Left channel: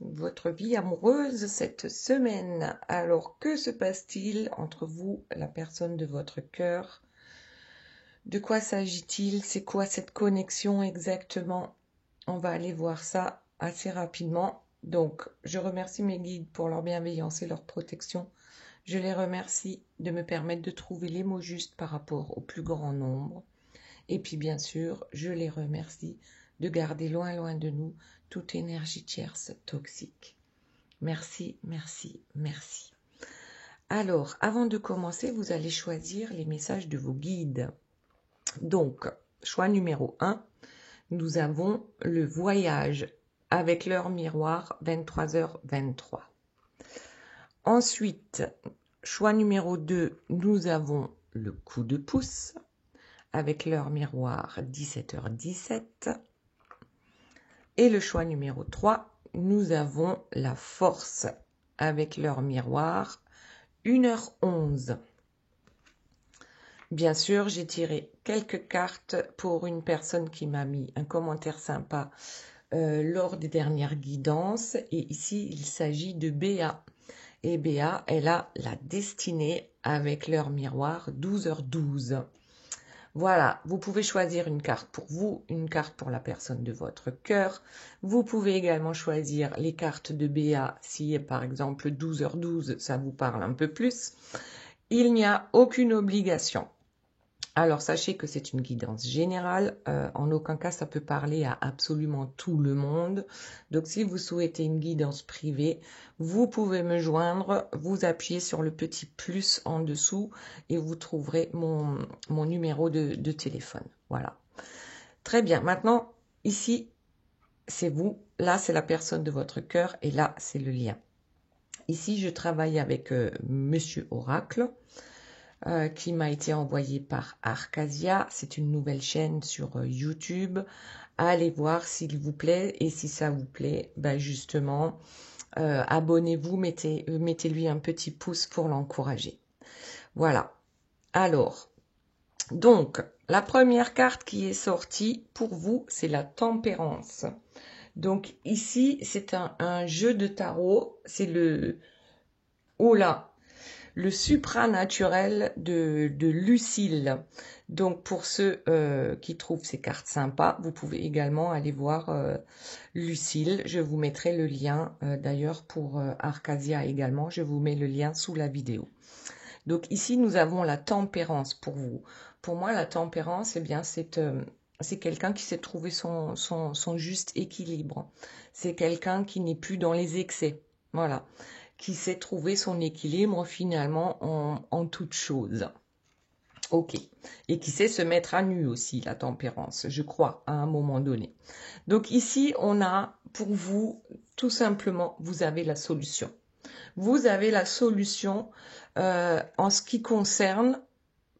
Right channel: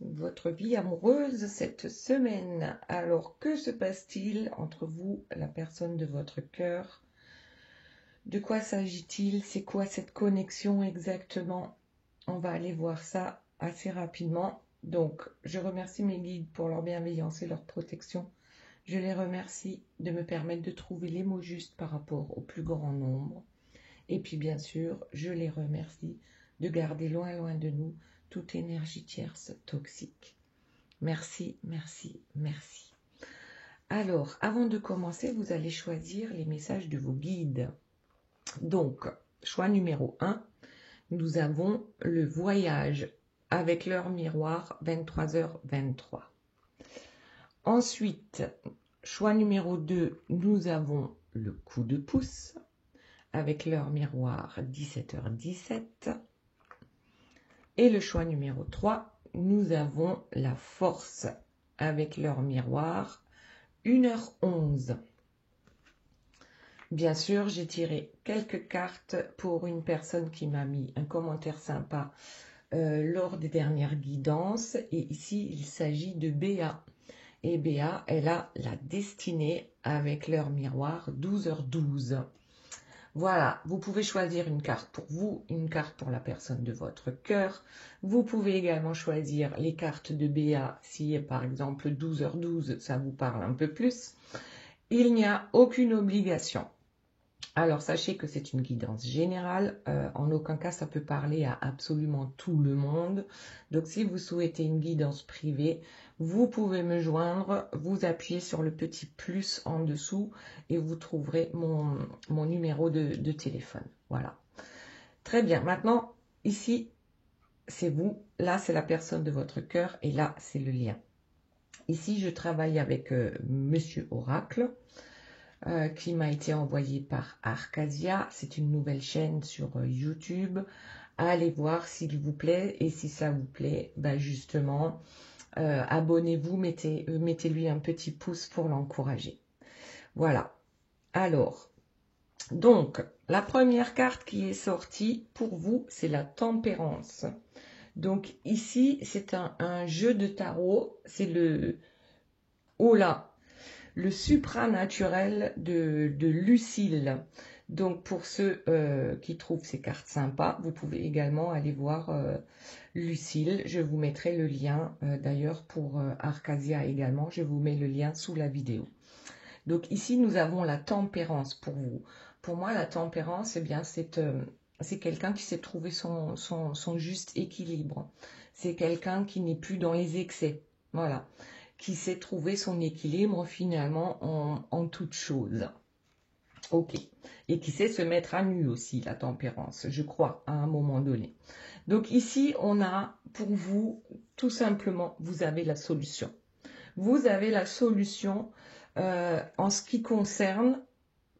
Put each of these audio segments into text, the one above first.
votre vie amoureuse cette semaine. Alors, que se passe-t-il entre vous, la personne de votre cœur? De quoi s'agit-il? C'est quoi cette connexion exactement? On va aller voir ça assez rapidement. Donc, je remercie mes guides pour leur bienveillance et leur protection. Je les remercie de me permettre de trouver les mots justes par rapport au plus grand nombre. Et puis, bien sûr, je les remercie de garder loin, loin de nous toute énergie tierce toxique. Merci, merci, merci. Alors, avant de commencer, vous allez choisir les messages de vos guides. Donc, choix numéro 1, nous avons le voyage avec l'heure miroir 23h23. Ensuite, choix numéro 2, nous avons le coup de pouce avec l'heure miroir 17h17. Et le choix numéro 3, nous avons la force avec l'heure miroir 1h11. Bien sûr, j'ai tiré quelques cartes pour une personne qui m'a mis un commentaire sympa lors des dernières guidances. Et ici, il s'agit de Béa. Et Béa, elle a la destinée avec l'heure miroir 12h12. Voilà, vous pouvez choisir une carte pour vous, une carte pour la personne de votre cœur. Vous pouvez également choisir les cartes de Béa si, par exemple, 12h12, ça vous parle un peu plus. Il n'y a aucune obligation. Alors, sachez que c'est une guidance générale. En aucun cas, ça peut parler à absolument tout le monde. Donc, si vous souhaitez une guidance privée, vous pouvez me joindre. Vous appuyez sur le petit plus en dessous et vous trouverez mon numéro de téléphone. Voilà. Très bien. Maintenant, ici, c'est vous. Là, c'est la personne de votre cœur et là, c'est le lien. Ici, je travaille avec Monsieur Oracle. Qui m'a été envoyé par Arcasia. C'est une nouvelle chaîne sur YouTube. Allez voir s'il vous plaît. Et si ça vous plaît, ben justement, abonnez-vous, mettez-lui un petit pouce pour l'encourager. Voilà. Alors, donc, la première carte qui est sortie pour vous, c'est la tempérance. Donc ici, c'est un jeu de tarot. C'est le... Oh là! Le supranaturel de Lucille. Donc, pour ceux qui trouvent ces cartes sympas, vous pouvez également aller voir Lucille. Je vous mettrai le lien, d'ailleurs, pour Arcasia également. Je vous mets le lien sous la vidéo. Donc, ici, nous avons la tempérance pour vous. Pour moi, la tempérance, eh bien, c'est quelqu'un qui sait trouver son juste équilibre. C'est quelqu'un qui n'est plus dans les excès. Voilà. Qui sait trouver son équilibre finalement en toute chose. Ok. Et qui sait se mettre à nu aussi, la tempérance, je crois, à un moment donné. Donc ici, on a pour vous, tout simplement, vous avez la solution. Vous avez la solution en ce qui concerne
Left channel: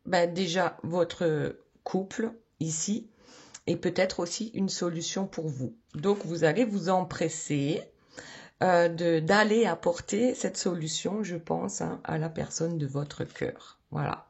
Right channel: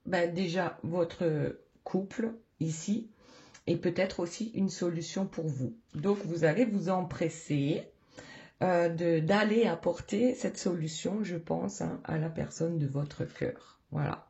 déjà votre couple ici et peut-être aussi une solution pour vous. Donc vous allez vous empresser d'aller apporter cette solution, je pense, hein, à la personne de votre cœur. Voilà.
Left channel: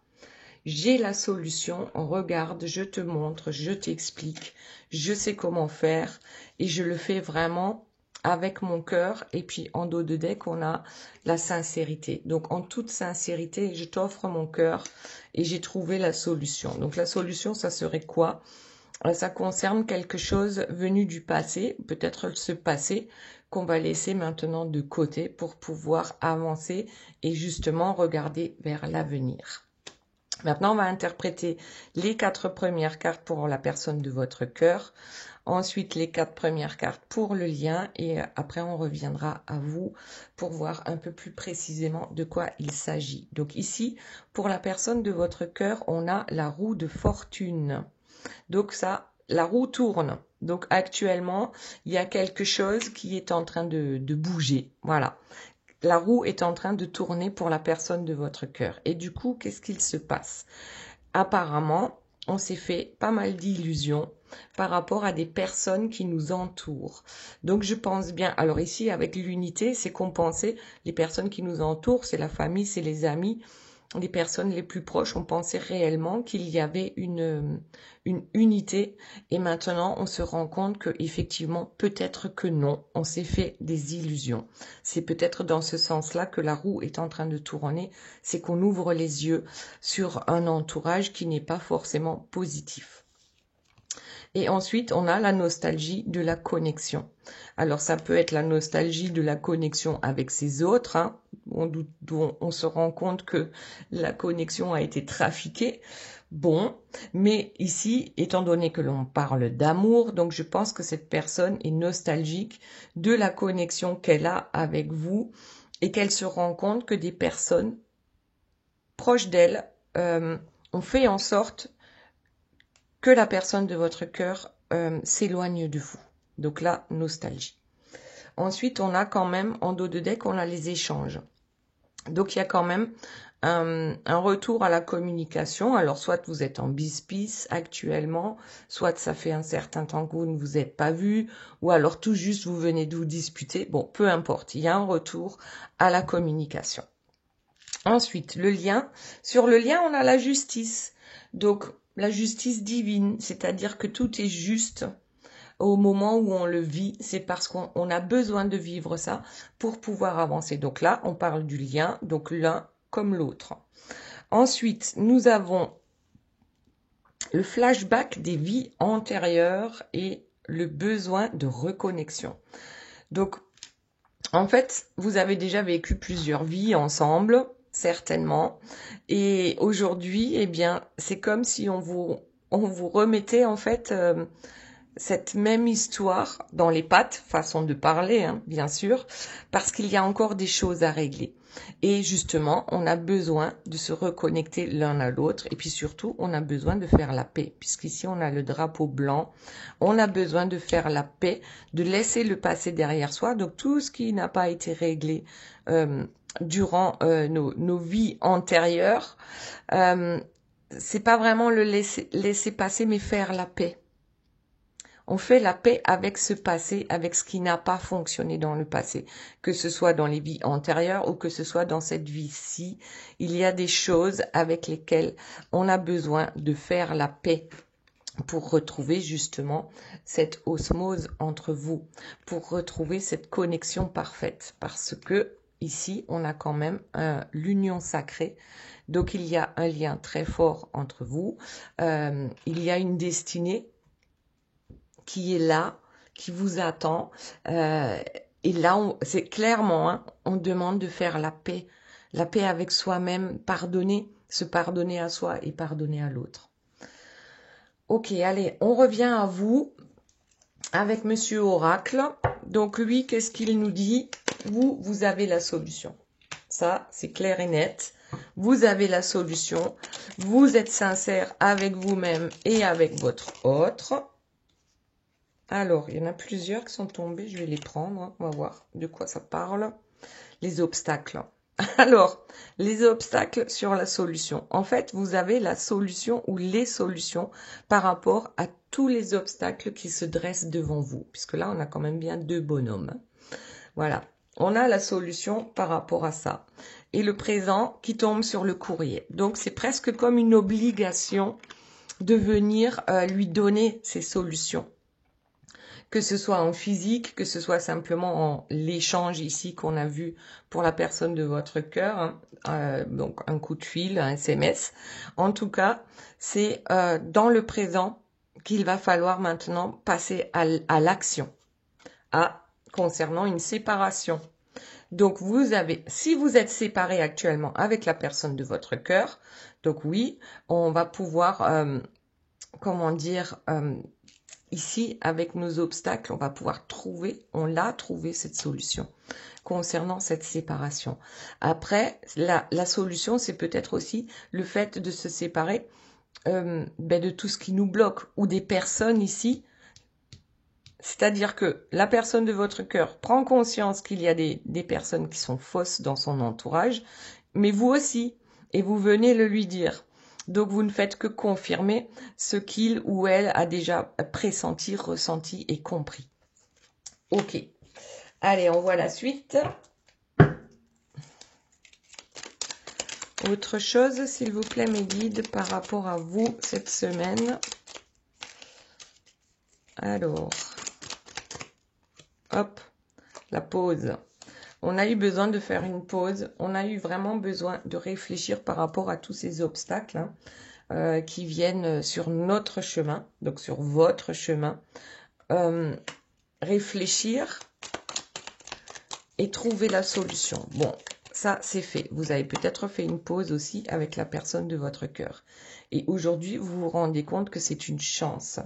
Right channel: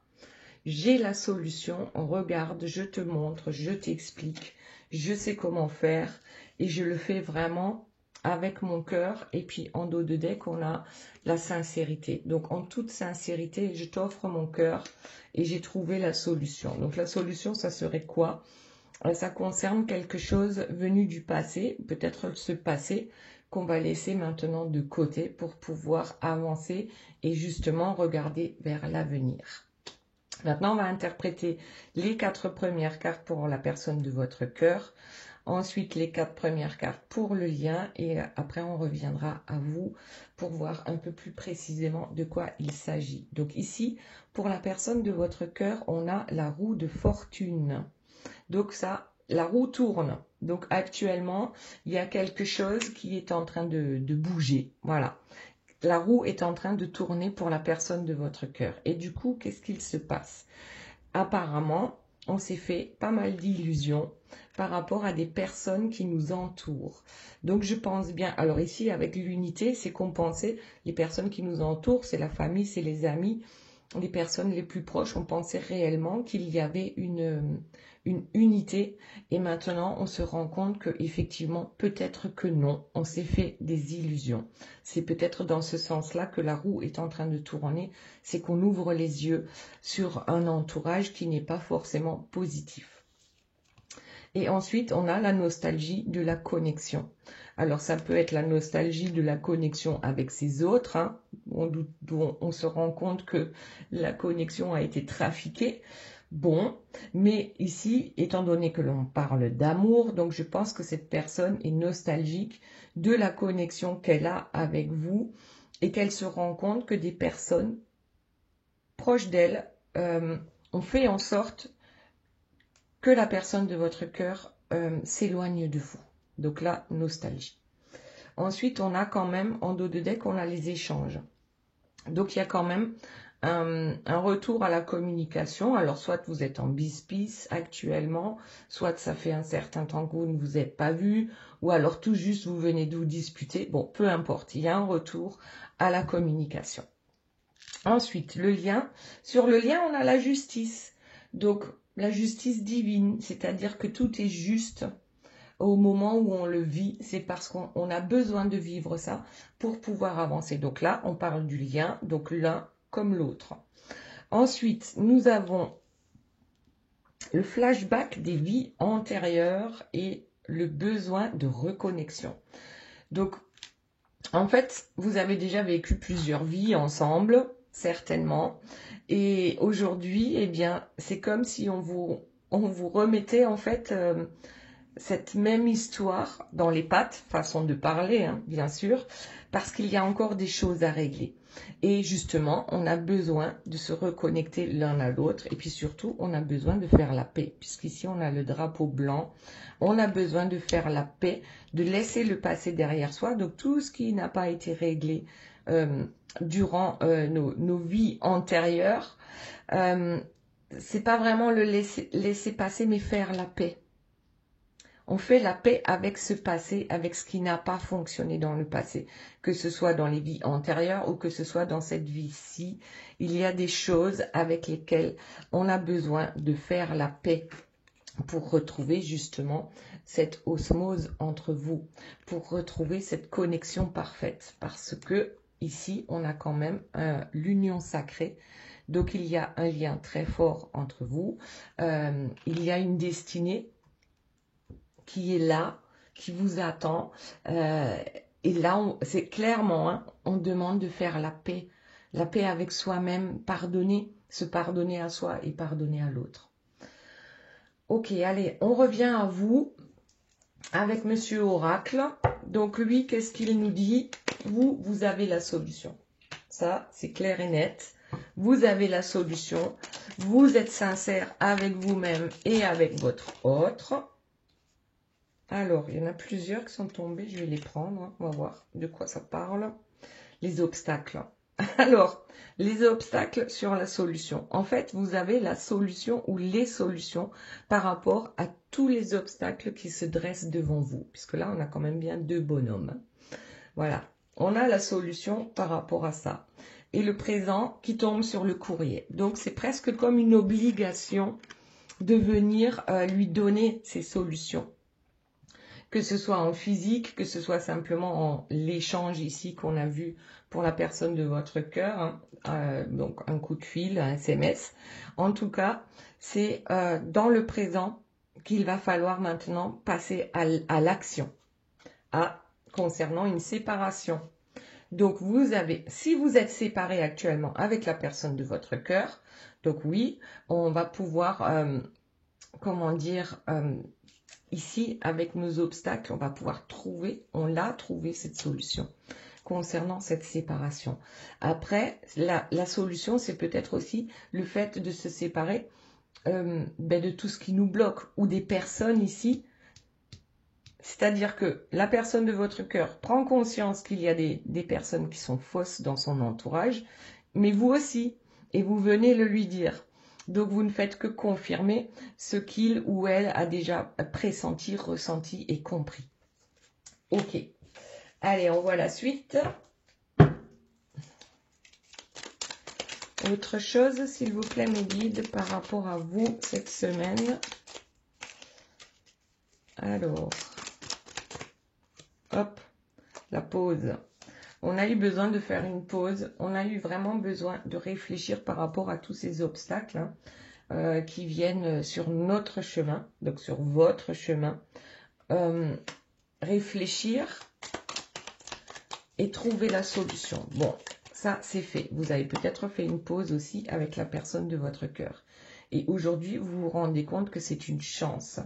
J'ai la solution, regarde, je te montre, je t'explique, je sais comment faire et je le fais vraiment avec mon cœur. Et puis en dos de deck, on a la sincérité. Donc en toute sincérité, je t'offre mon cœur et j'ai trouvé la solution. Donc la solution, ça serait quoi? Ça concerne quelque chose venu du passé, peut-être ce passé qu'on va laisser maintenant de côté pour pouvoir avancer et justement regarder vers l'avenir. Maintenant, on va interpréter les 4 premières cartes pour la personne de votre cœur, ensuite les 4 premières cartes pour le lien et après on reviendra à vous pour voir un peu plus précisément de quoi il s'agit. Donc ici, pour la personne de votre cœur, on a la roue de fortune. Donc ça, la roue tourne. Donc actuellement, il y a quelque chose qui est en train de bouger. Voilà. La roue est en train de tourner pour la personne de votre cœur. Et du coup, qu'est-ce qu'il se passe? Apparemment, on s'est fait pas mal d'illusions par rapport à des personnes qui nous entourent. Donc je pense bien, alors ici avec l'unité, c'est compenser les personnes qui nous entourent, c'est la famille, c'est les amis. les personnes les plus proches ont pensé réellement qu'il y avait une unité et maintenant on se rend compte que effectivement peut-être que non, on s'est fait des illusions. C'est peut-être dans ce sens-là que la roue est en train de tourner, c'est qu'on ouvre les yeux sur un entourage qui n'est pas forcément positif. Et ensuite, on a la nostalgie de la connexion. Alors, ça peut être la nostalgie de la connexion avec ses autres, hein, dont on se rend compte que la connexion a été trafiquée. Bon, mais ici, étant donné que l'on parle d'amour, donc je pense que cette personne est nostalgique de la connexion qu'elle a avec vous et qu'elle se rend compte que des personnes proches d'elle ont fait en sorte que la personne de votre cœur s'éloigne de vous. Donc là, nostalgie. Ensuite, on a quand même, en dos de deck, on a les échanges. Donc, il y a quand même un retour à la communication. Alors, soit vous êtes en bisbis actuellement, soit ça fait un certain temps que vous ne vous êtes pas vu, ou alors tout juste vous venez de vous disputer. Bon, peu importe, il y a un retour à la communication. Ensuite, le lien. Sur le lien, on a la justice. Donc, la justice divine, c'est-à-dire que tout est juste au moment où on le vit. C'est parce qu'on a besoin de vivre ça pour pouvoir avancer. Donc là, on parle du lien, donc l'un comme l'autre. Ensuite, nous avons le flashback des vies antérieures et le besoin de reconnexion. Donc, en fait, vous avez déjà vécu plusieurs vies ensemble, certainement. Et aujourd'hui, eh bien, c'est comme si on vous remettait en fait cette même histoire dans les pattes, façon de parler, hein, bien sûr, parce qu'il y a encore des choses à régler. Et justement, on a besoin de se reconnecter l'un à l'autre. Et puis surtout, on a besoin de faire la paix. Puisqu'ici, on a le drapeau blanc. On a besoin de faire la paix, de laisser le passé derrière soi. Donc, tout ce qui n'a pas été réglé durant nos vies antérieures, c'est pas vraiment le laisser passer, mais faire la paix. On fait la paix avec ce passé, avec ce qui n'a pas fonctionné dans le passé. Que ce soit dans les vies antérieures ou que ce soit dans cette vie-ci, il y a des choses avec lesquelles on a besoin de faire la paix pour retrouver justement cette osmose entre vous, pour retrouver cette connexion parfaite. Parce que ici, on a quand même l'union sacrée. Donc, il y a un lien très fort entre vous. Il y a une destinée qui est là, qui vous attend. Et là, c'est clairement, hein, on demande de faire la paix avec soi-même, pardonner, se pardonner à soi et pardonner à l'autre. Ok, allez, on revient à vous avec Monsieur Oracle. Donc lui, qu'est-ce qu'il nous dit? Vous avez la solution. Ça, c'est clair et net. Vous avez la solution. Vous êtes sincère avec vous-même et avec votre autre. Alors, il y en a plusieurs qui sont tombés. Je vais les prendre. Hein. On va voir de quoi ça parle. Les obstacles. Alors, les obstacles sur la solution. En fait, vous avez la solution ou les solutions par rapport à tous les obstacles qui se dressent devant vous. Puisque là, on a quand même bien 2 bonhommes. Voilà. On a la solution par rapport à ça. Et le présent qui tombe sur le courrier. Donc, c'est presque comme une obligation de venir lui donner ces solutions. Que ce soit en physique, que ce soit simplement en l'échange ici qu'on a vu pour la personne de votre cœur, hein, donc un coup de fil, un SMS. En tout cas, c'est dans le présent qu'il va falloir maintenant passer à l'action, concernant une séparation. Donc vous avez, si vous êtes séparé actuellement avec la personne de votre cœur, donc oui, on va pouvoir, comment dire, ici, avec nos obstacles, on va pouvoir trouver, on l'a trouvé cette solution concernant cette séparation. Après, la solution, c'est peut-être aussi le fait de se séparer de tout ce qui nous bloque ou des personnes ici. C'est-à-dire que la personne de votre cœur prend conscience qu'il y a des personnes qui sont fausses dans son entourage, mais vous aussi, et vous venez le lui dire. Donc, vous ne faites que confirmer ce qu'il ou elle a déjà pressenti, ressenti et compris. Ok. Allez, on voit la suite. Autre chose, s'il vous plaît, mes guides, par rapport à vous cette semaine. Alors, hop, la pause. On a eu besoin de faire une pause. On a eu vraiment besoin de réfléchir par rapport à tous ces obstacles qui viennent sur notre chemin, donc sur votre chemin. Réfléchir et trouver la solution. Bon, ça c'est fait. Vous avez peut-être fait une pause aussi avec la personne de votre cœur. Et aujourd'hui, vous vous rendez compte que c'est une chance.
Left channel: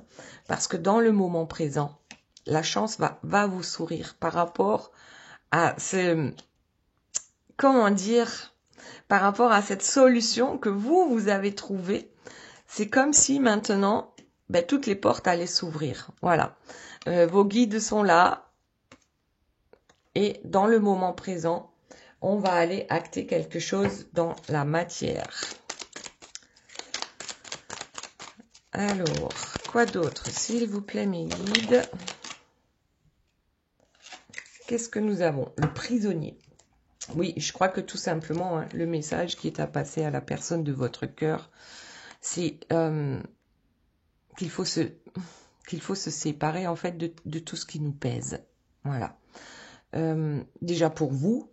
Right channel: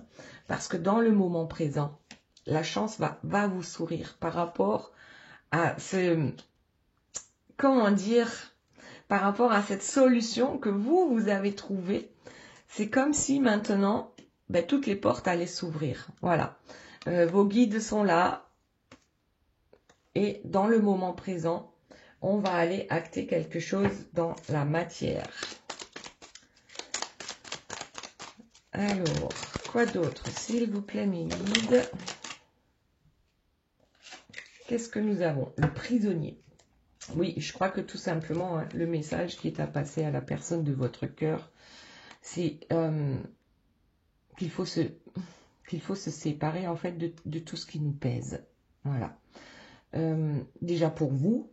Parce que dans le moment présent, la chance va vous sourire par rapport à ce... Comment dire? Par rapport à cette solution que vous avez trouvée. C'est comme si maintenant, toutes les portes allaient s'ouvrir. Voilà. Vos guides sont là. Et dans le moment présent, on va aller acter quelque chose dans la matière. Alors, quoi d'autre, s'il vous plaît, mes guides? Qu'est-ce que nous avons? Le prisonnier. Oui, je crois que tout simplement, le message qui est à passer à la personne de votre cœur, c'est qu'il faut se séparer en fait de tout ce qui nous pèse. Voilà. Déjà pour vous,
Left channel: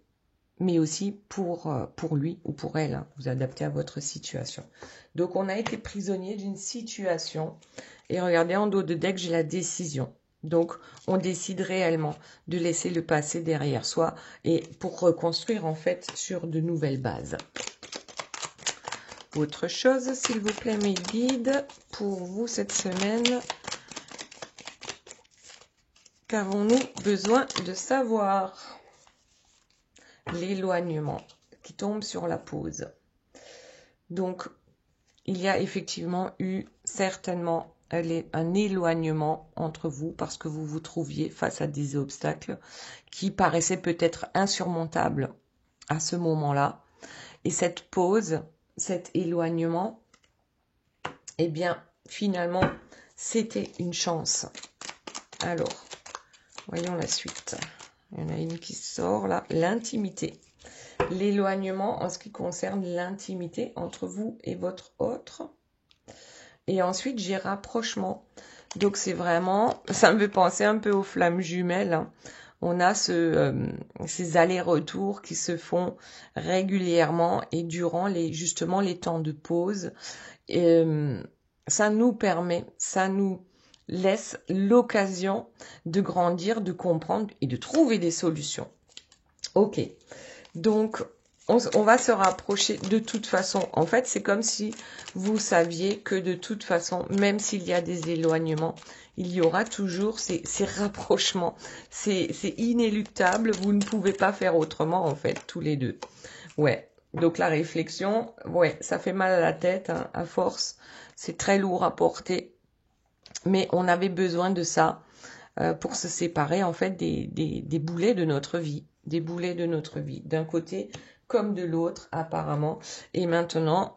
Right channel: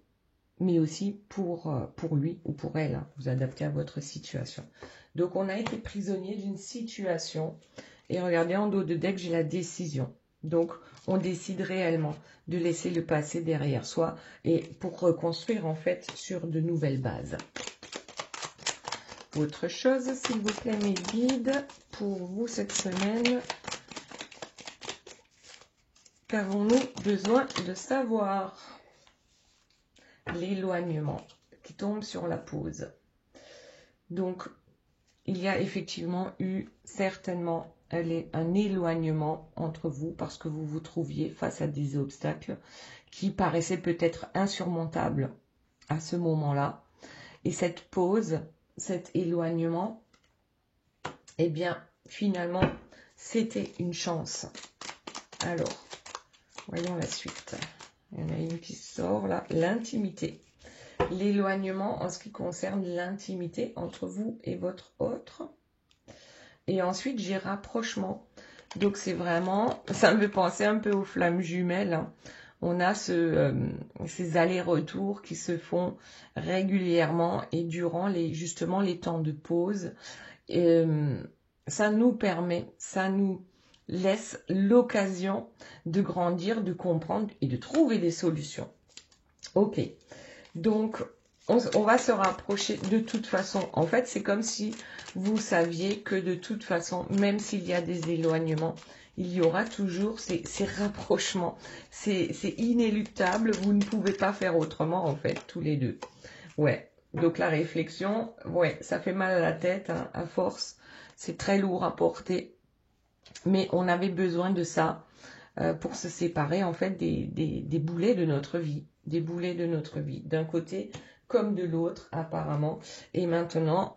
mais aussi pour lui ou pour elle. Vous adaptez à votre situation. Donc, on a été prisonnier d'une situation. Et regardez, en dos de deck, j'ai la décision. Donc, on décide réellement de laisser le passé derrière soi et pour reconstruire, en fait, sur de nouvelles bases. Autre chose, s'il vous plaît, mes guides, pour vous cette semaine. Qu'avons-nous besoin de savoir? L'éloignement qui tombe sur la pause. Donc, il y a effectivement eu certainement un éloignement entre vous parce que vous vous trouviez face à des obstacles qui paraissaient peut-être insurmontables à ce moment-là. Et cette pause, cet éloignement, eh bien, finalement, c'était une chance. Alors, voyons la suite. Il y en a une qui sort là, l'intimité. L'éloignement en ce qui concerne l'intimité entre vous et votre autre. Et ensuite, j'ai rapprochement. Donc, c'est vraiment, ça me fait penser un peu aux flammes jumelles. Hein. On a ces allers-retours qui se font régulièrement et durant justement les temps de pause. Et, ça nous permet, ça nous laisse l'occasion de grandir, de comprendre et de trouver des solutions. Ok, donc on va se rapprocher de toute façon. En fait, c'est comme si vous saviez que de toute façon, même s'il y a des éloignements, il y aura toujours ces rapprochements. C'est inéluctable, vous ne pouvez pas faire autrement en fait, tous les deux. Ouais, donc la réflexion, ouais, ça fait mal à la tête, hein, à force. C'est très lourd à porter. Mais on avait besoin de ça pour se séparer en fait des boulets de notre vie. Des boulets de notre vie, d'un côté comme de l'autre apparemment. Et maintenant,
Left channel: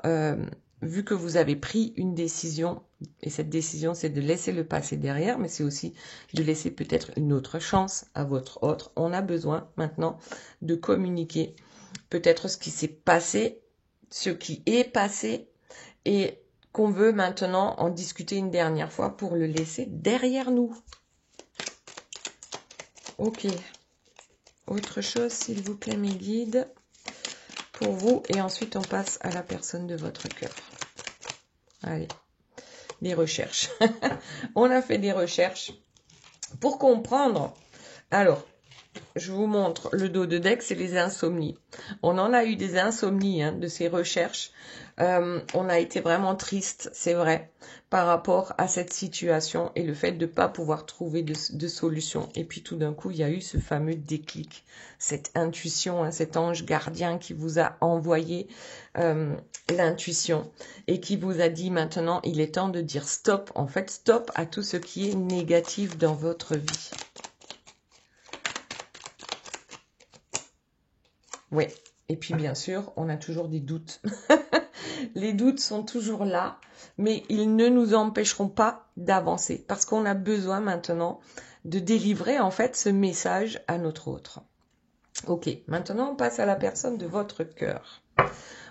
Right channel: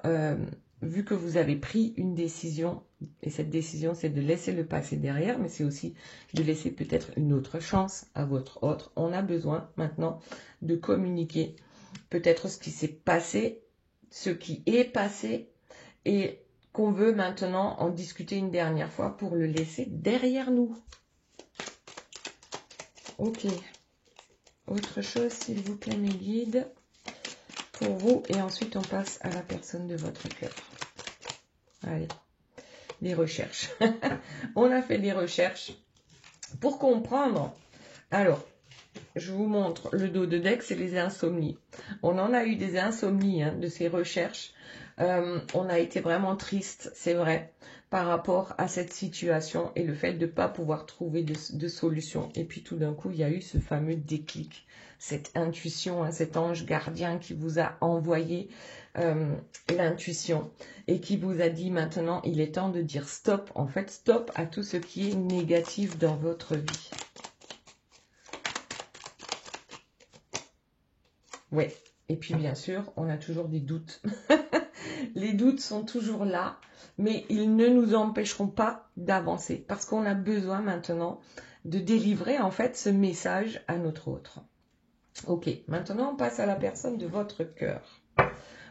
vu que vous avez pris une décision, et cette décision c'est de laisser le passé derrière, mais c'est aussi de laisser peut-être une autre chance à votre autre. On a besoin maintenant de communiquer peut-être ce qui s'est passé, ce qui est passé, et qu'on veut maintenant en discuter une dernière fois pour le laisser derrière nous. Ok. Autre chose, s'il vous plaît, mes guides, pour vous. Et ensuite, on passe à la personne de votre cœur. Allez, des recherches. On a fait des recherches pour comprendre. Alors, je vous montre le dos de deck, c'est les insomnies. On en a eu des insomnies de ces recherches. On a été vraiment triste, c'est vrai, par rapport à cette situation et le fait de ne pas pouvoir trouver de solution. Et puis tout d'un coup, il y a eu ce fameux déclic, cette intuition, cet ange gardien qui vous a envoyé l'intuition et qui vous a dit maintenant, il est temps de dire stop. En fait, stop à tout ce qui est négatif dans votre vie. Oui, et puis bien sûr, on a toujours des doutes. Les doutes sont toujours là, mais ils ne nous empêcheront pas d'avancer parce qu'on a besoin maintenant de délivrer en fait ce message à notre autre. Ok, maintenant on passe à la personne de votre cœur.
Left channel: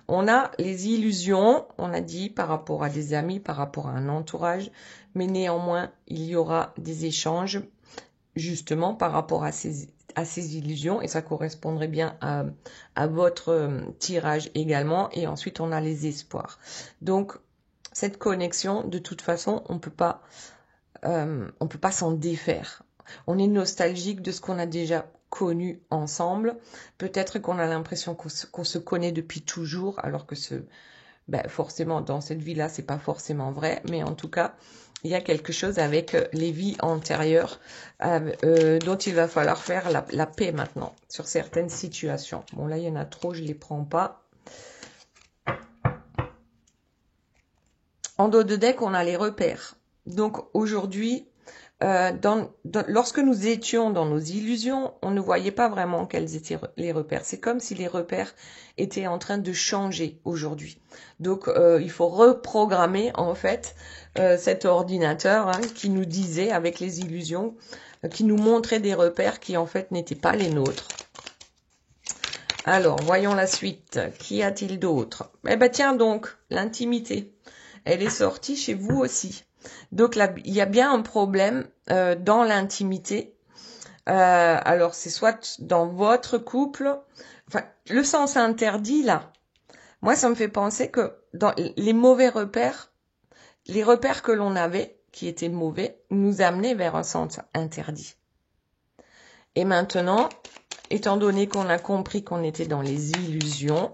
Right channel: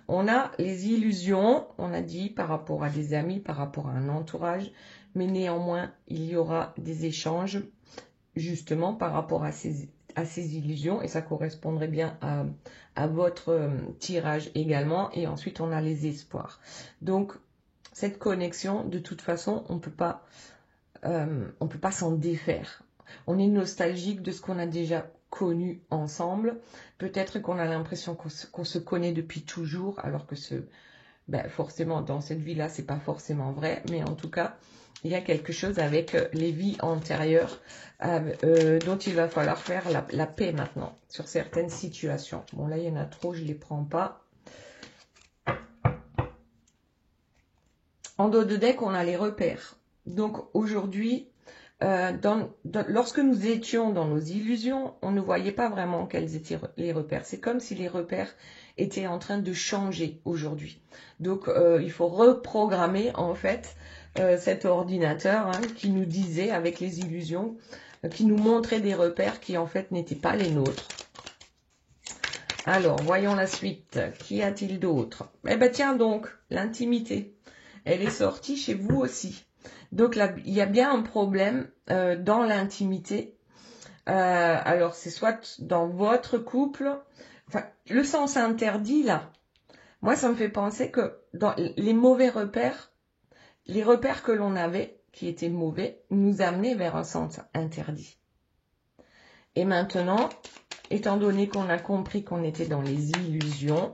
On a les illusions, on a dit, par rapport à des amis, par rapport à un entourage, mais néanmoins, il y aura des échanges, justement, par rapport à ces illusions, et ça correspondrait bien à votre tirage également, et ensuite on a les espoirs. Donc, cette connexion, de toute façon, on peut pas s'en défaire. On est nostalgique de ce qu'on a déjà connu ensemble. Peut-être qu'on a l'impression qu'on se connaît depuis toujours, alors que forcément, dans cette vie-là, c'est pas forcément vrai. Mais en tout cas, il y a quelque chose avec les vies antérieures dont il va falloir faire la paix maintenant sur certaines situations. Bon, là, il y en a trop, je les prends pas. En dos de deck, on a les repères. Donc, aujourd'hui, lorsque nous étions dans nos illusions, on ne voyait pas vraiment quels étaient les repères. C'est comme si les repères étaient en train de changer aujourd'hui. Donc, il faut reprogrammer en fait cet ordinateur qui nous disait avec les illusions, qui nous montrait des repères qui en fait n'étaient pas les nôtres. Alors, voyons la suite. Qu'y a-t-il d'autre? Eh ben tiens donc, l'intimité. Elle est sortie chez vous aussi. Donc là, il y a bien un problème dans l'intimité. Alors, c'est soit dans votre couple, enfin, le sens interdit là. Moi, ça me fait penser que dans les mauvais repères, les repères que l'on avait, qui étaient mauvais, nous amenaient vers un sens interdit. Et maintenant, étant donné qu'on a compris qu'on était dans les illusions,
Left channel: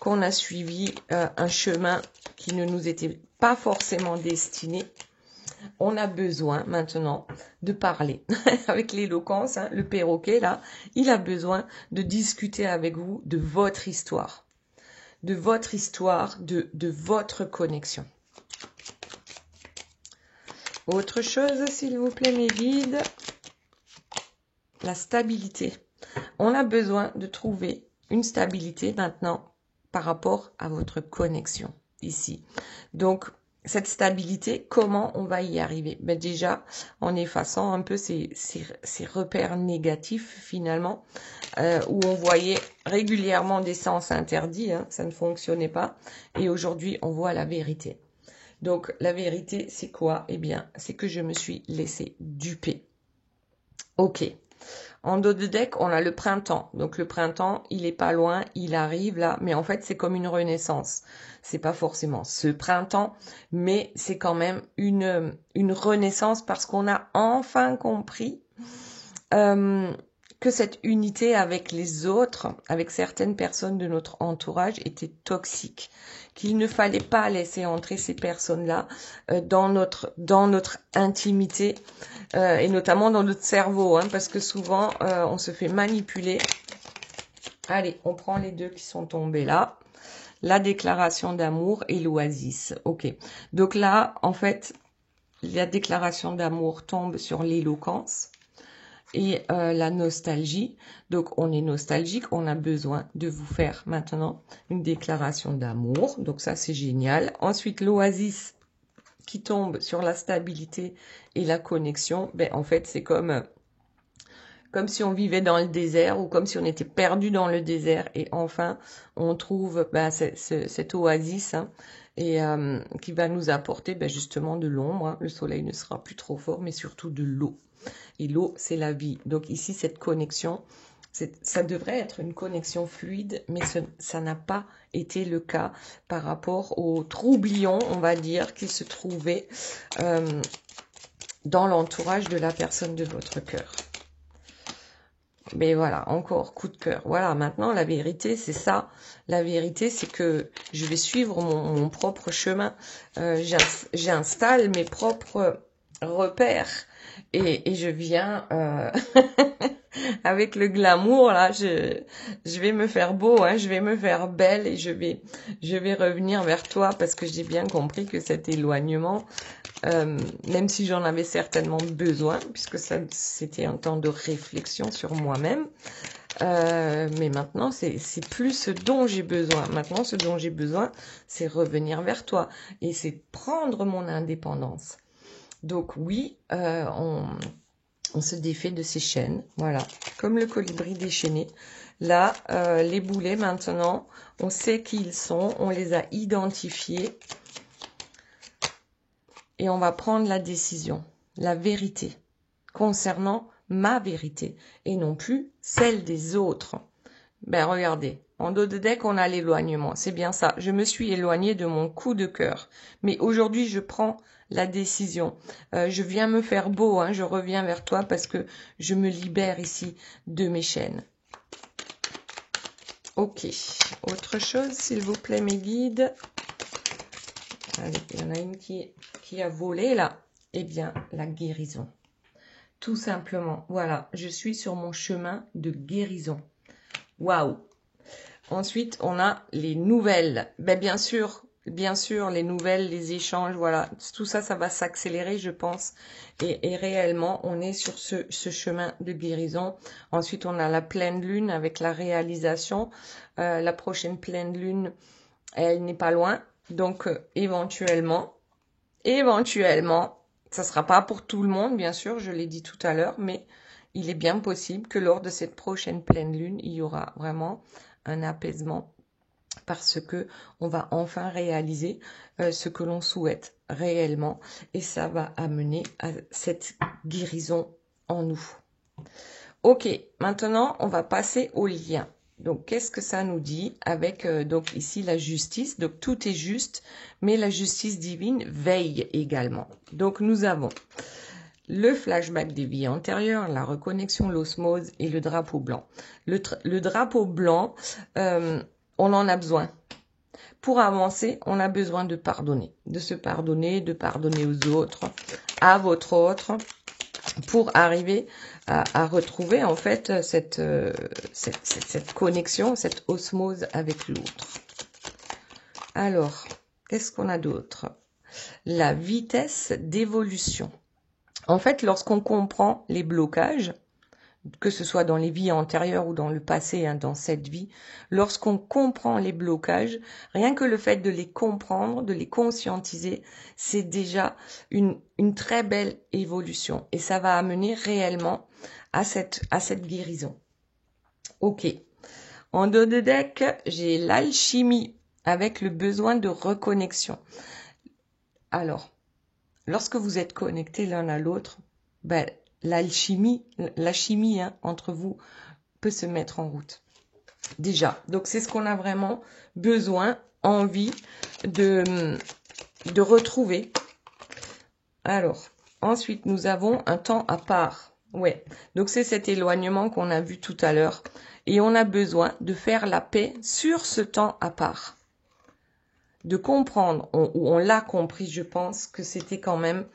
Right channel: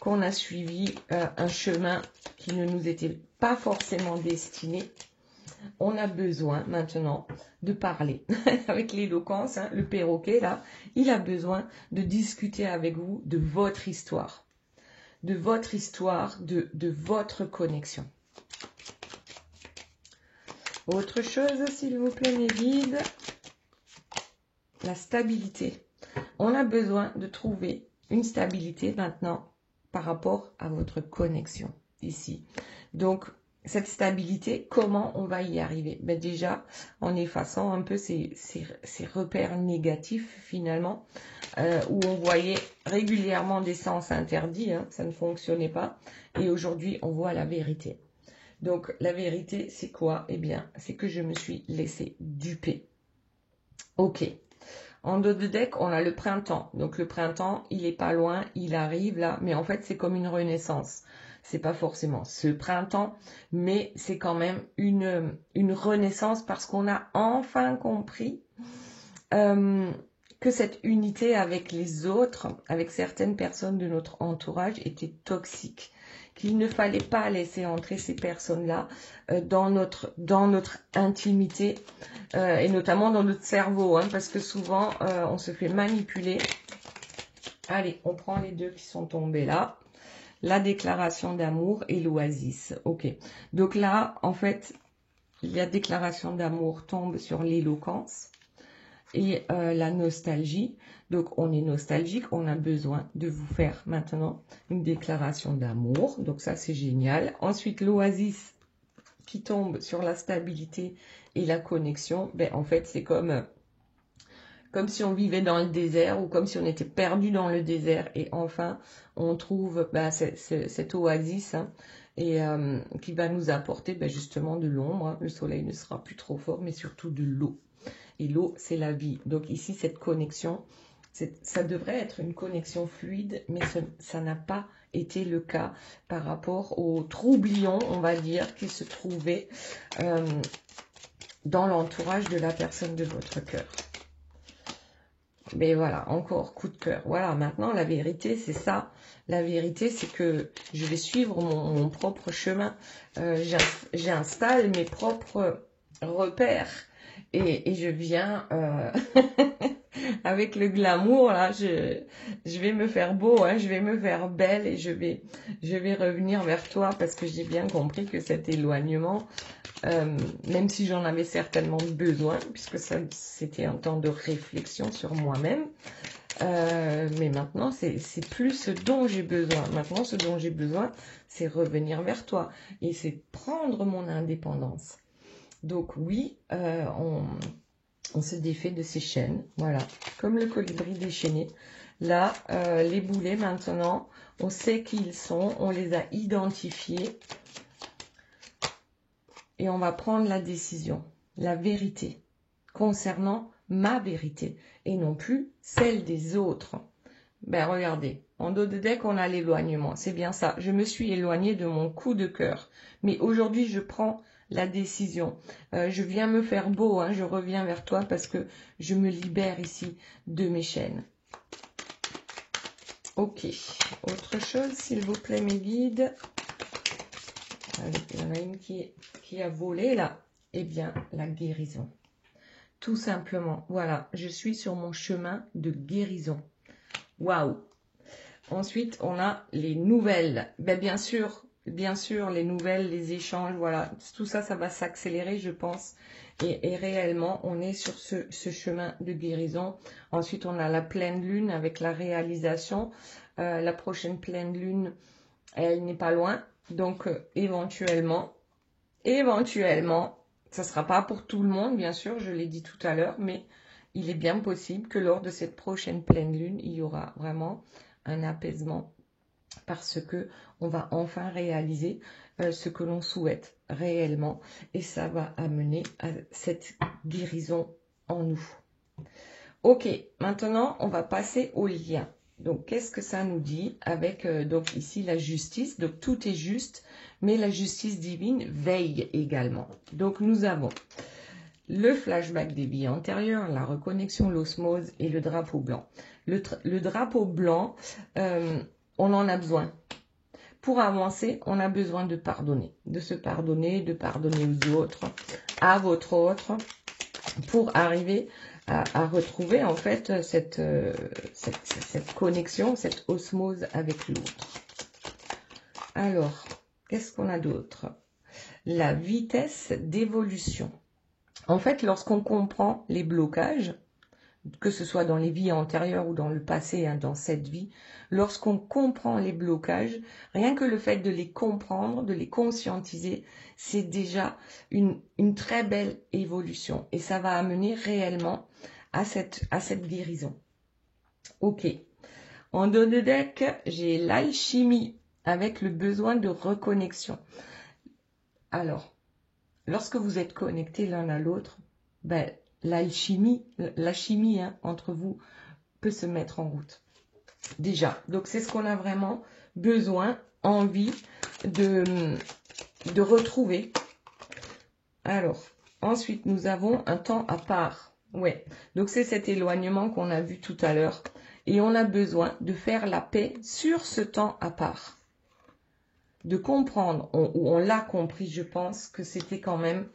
qu'on a suivi un chemin qui ne nous était pas forcément destiné, on a besoin maintenant de parler. Avec l'éloquence, hein, le perroquet là, il a besoin de discuter avec vous de votre histoire. De votre histoire, de votre connexion. Autre chose, s'il vous plaît, mes guides. La stabilité. On a besoin de trouver une stabilité maintenant par rapport à votre connexion ici. Donc, cette stabilité, comment on va y arriver? Ben déjà, en effaçant un peu ces repères négatifs finalement, où on voyait régulièrement des sens interdits, hein, ça ne fonctionnait pas. Et aujourd'hui, on voit la vérité. Donc, la vérité, c'est quoi? Eh bien, c'est que je me suis laissée duper. Ok. En dos de deck, on a le printemps. Donc le printemps, il est pas loin, il arrive là, mais en fait, c'est comme une renaissance. C'est pas forcément ce printemps, mais c'est quand même une renaissance parce qu'on a enfin compris que cette unité avec les autres, avec certaines personnes de notre entourage, était toxique. Qu'il ne fallait pas laisser entrer ces personnes-là dans notre intimité et notamment dans notre cerveau, hein, parce que souvent on se fait manipuler. Allez, on prend les deux qui sont tombés là. La déclaration d'amour et l'oasis. Ok. Donc là, en fait, la déclaration d'amour tombe sur l'éloquence et la nostalgie. Donc, on est nostalgique, on a besoin de vous faire maintenant une déclaration d'amour. Donc, ça, c'est génial. Ensuite, l'oasis qui tombe sur la stabilité et la connexion. Ben, en fait, c'est comme si on vivait dans le désert ou comme si on était perdu dans le désert. Et enfin, on trouve cette oasis hein, et qui va nous apporter justement de l'ombre. Hein. Le soleil ne sera plus trop fort, mais surtout de l'eau. Et l'eau, c'est la vie. Donc ici, cette connexion, ça devrait être une connexion fluide, mais ça n'a pas été le cas par rapport au troublion, on va dire, qui se trouvait dans l'entourage de la personne de votre cœur. Mais voilà, encore coup de cœur. Voilà, maintenant, la vérité, c'est ça. La vérité, c'est que je vais suivre mon propre chemin. J'installe mes propres repères. Et je viens avec le glamour, là, je vais me faire beau, hein, je vais me faire belle et je vais revenir vers toi parce que j'ai bien compris que cet éloignement, même si j'en avais certainement besoin, puisque c'était un temps de réflexion sur moi-même, mais maintenant, c'est plus ce dont j'ai besoin. Maintenant, ce dont j'ai besoin, c'est revenir vers toi et c'est prendre mon indépendance. Donc oui, On se défait de ces chaînes, voilà, comme le colibri déchaîné. Là, les boulets, maintenant, on sait qui ils sont, on les a identifiés. Et on va prendre la décision, la vérité, concernant ma vérité, et non plus celle des autres. Ben regardez, en dos de deck, on a l'éloignement, c'est bien ça. Je me suis éloignée de mon coup de cœur. Mais aujourd'hui, je prends la décision. Je viens me faire beau, hein, je reviens vers toi parce que je me libère ici de mes chaînes. Ok, autre chose, s'il vous plaît, mes guides. Allez, il y en a une qui a volé là. Eh bien, la guérison. Tout simplement, voilà, je suis sur mon chemin de guérison. Waouh! Ensuite, on a les nouvelles. Ben, bien sûr, les nouvelles, les échanges, voilà. Tout ça, ça va s'accélérer, je pense. Et réellement, on est sur ce chemin de guérison. Ensuite, on a la pleine lune avec la réalisation. La prochaine pleine lune, elle n'est pas loin. Donc, éventuellement, ça ne sera pas pour tout le monde, bien sûr, je l'ai dit tout à l'heure, mais il est bien possible que lors de cette prochaine pleine lune, il y aura vraiment un apaisement parce que on va enfin réaliser ce que l'on souhaite réellement et ça va amener à cette guérison en nous. Ok, maintenant on va passer au lien. Donc qu'est-ce que ça nous dit avec donc ici la justice, donc tout est juste, mais la justice divine veille également. Donc nous avons le flashback des vies antérieures, la reconnexion, l'osmose et le drapeau blanc. Le drapeau blanc, on en a besoin. Pour avancer, on a besoin de pardonner, de se pardonner, de pardonner aux autres, à votre autre, pour arriver à retrouver en fait cette connexion, cette osmose avec l'autre. Alors, qu'est-ce qu'on a d'autre? La vitesse d'évolution. En fait, lorsqu'on comprend les blocages, que ce soit dans les vies antérieures ou dans le passé, hein, dans cette vie, lorsqu'on comprend les blocages, rien que le fait de les comprendre, de les conscientiser, c'est déjà une très belle évolution. Et ça va amener réellement à cette guérison. Ok. En dos de deck, j'ai l'alchimie avec le besoin de reconnexion. Alors, lorsque vous êtes connectés l'un à l'autre, ben, la chimie hein, entre vous peut se mettre en route. Déjà, donc c'est ce qu'on a vraiment besoin, envie de retrouver. Alors, ensuite, nous avons un temps à part. Ouais, donc c'est cet éloignement qu'on a vu tout à l'heure. Et on a besoin de faire la paix sur ce temps à part. De comprendre, on l'a compris, je pense, que c'était quand même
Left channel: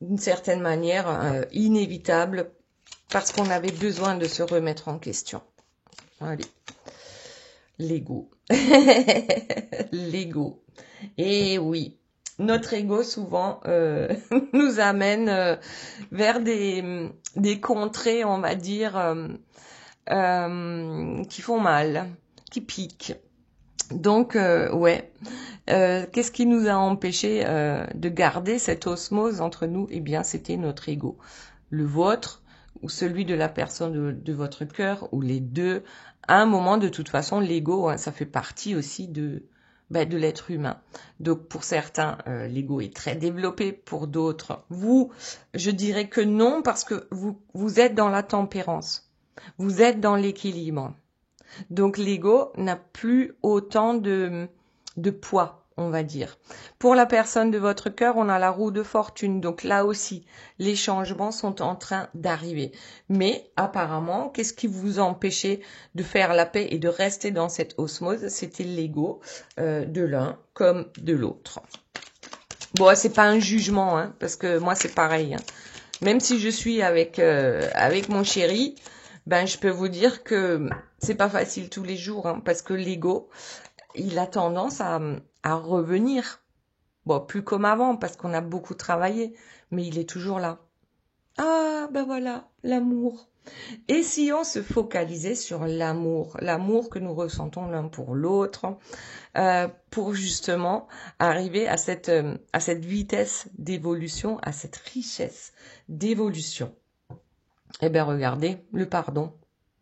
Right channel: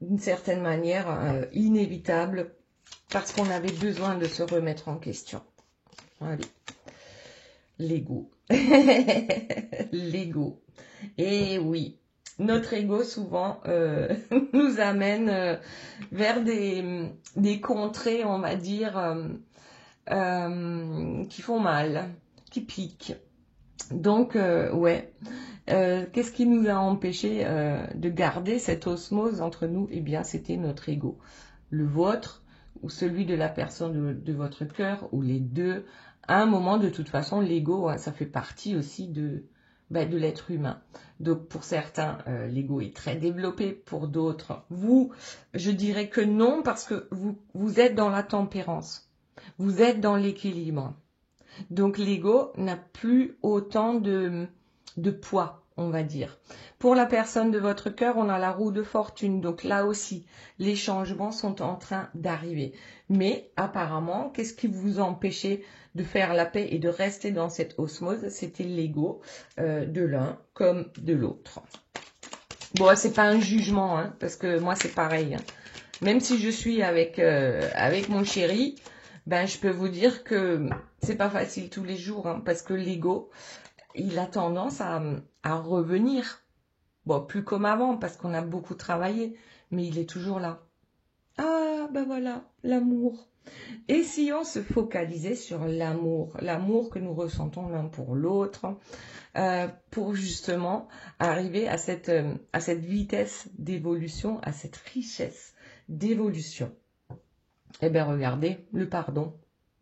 d'une certaine manière inévitable parce qu'on avait besoin de se remettre en question. Allez, l'ego. L'ego. Et oui, notre ego souvent nous amène vers des contrées, on va dire, qui font mal, qui piquent. Donc, ouais, qu'est-ce qui nous a empêché de garder cette osmose entre nous? Eh bien, c'était notre ego. Le vôtre ou celui de la personne de votre cœur ou les deux. À un moment, de toute façon, l'ego, hein, ça fait partie aussi de l'être humain. Donc, pour certains, l'ego est très développé. Pour d'autres, vous, je dirais que non parce que vous êtes dans la tempérance. Vous êtes dans l'équilibre. Donc l'ego n'a plus autant de poids, on va dire. Pour la personne de votre cœur, on a la roue de fortune. Donc là aussi, les changements sont en train d'arriver. Mais apparemment, qu'est-ce qui vous empêchait de faire la paix et de rester dans cette osmose? C'était l'ego de l'un comme de l'autre. Bon, c'est pas un jugement, hein, parce que moi c'est pareil. Hein. Même si je suis avec mon chéri, ben je peux vous dire que c'est pas facile tous les jours, hein, parce que l'ego, il a tendance à revenir. Bon, plus comme avant, parce qu'on a beaucoup travaillé, mais il est toujours là. Ah, ben voilà, l'amour. Et si on se focalisait sur l'amour que nous ressentons l'un pour l'autre, pour justement arriver à cette vitesse d'évolution, à cette richesse d'évolution. Eh bien, regardez, le pardon.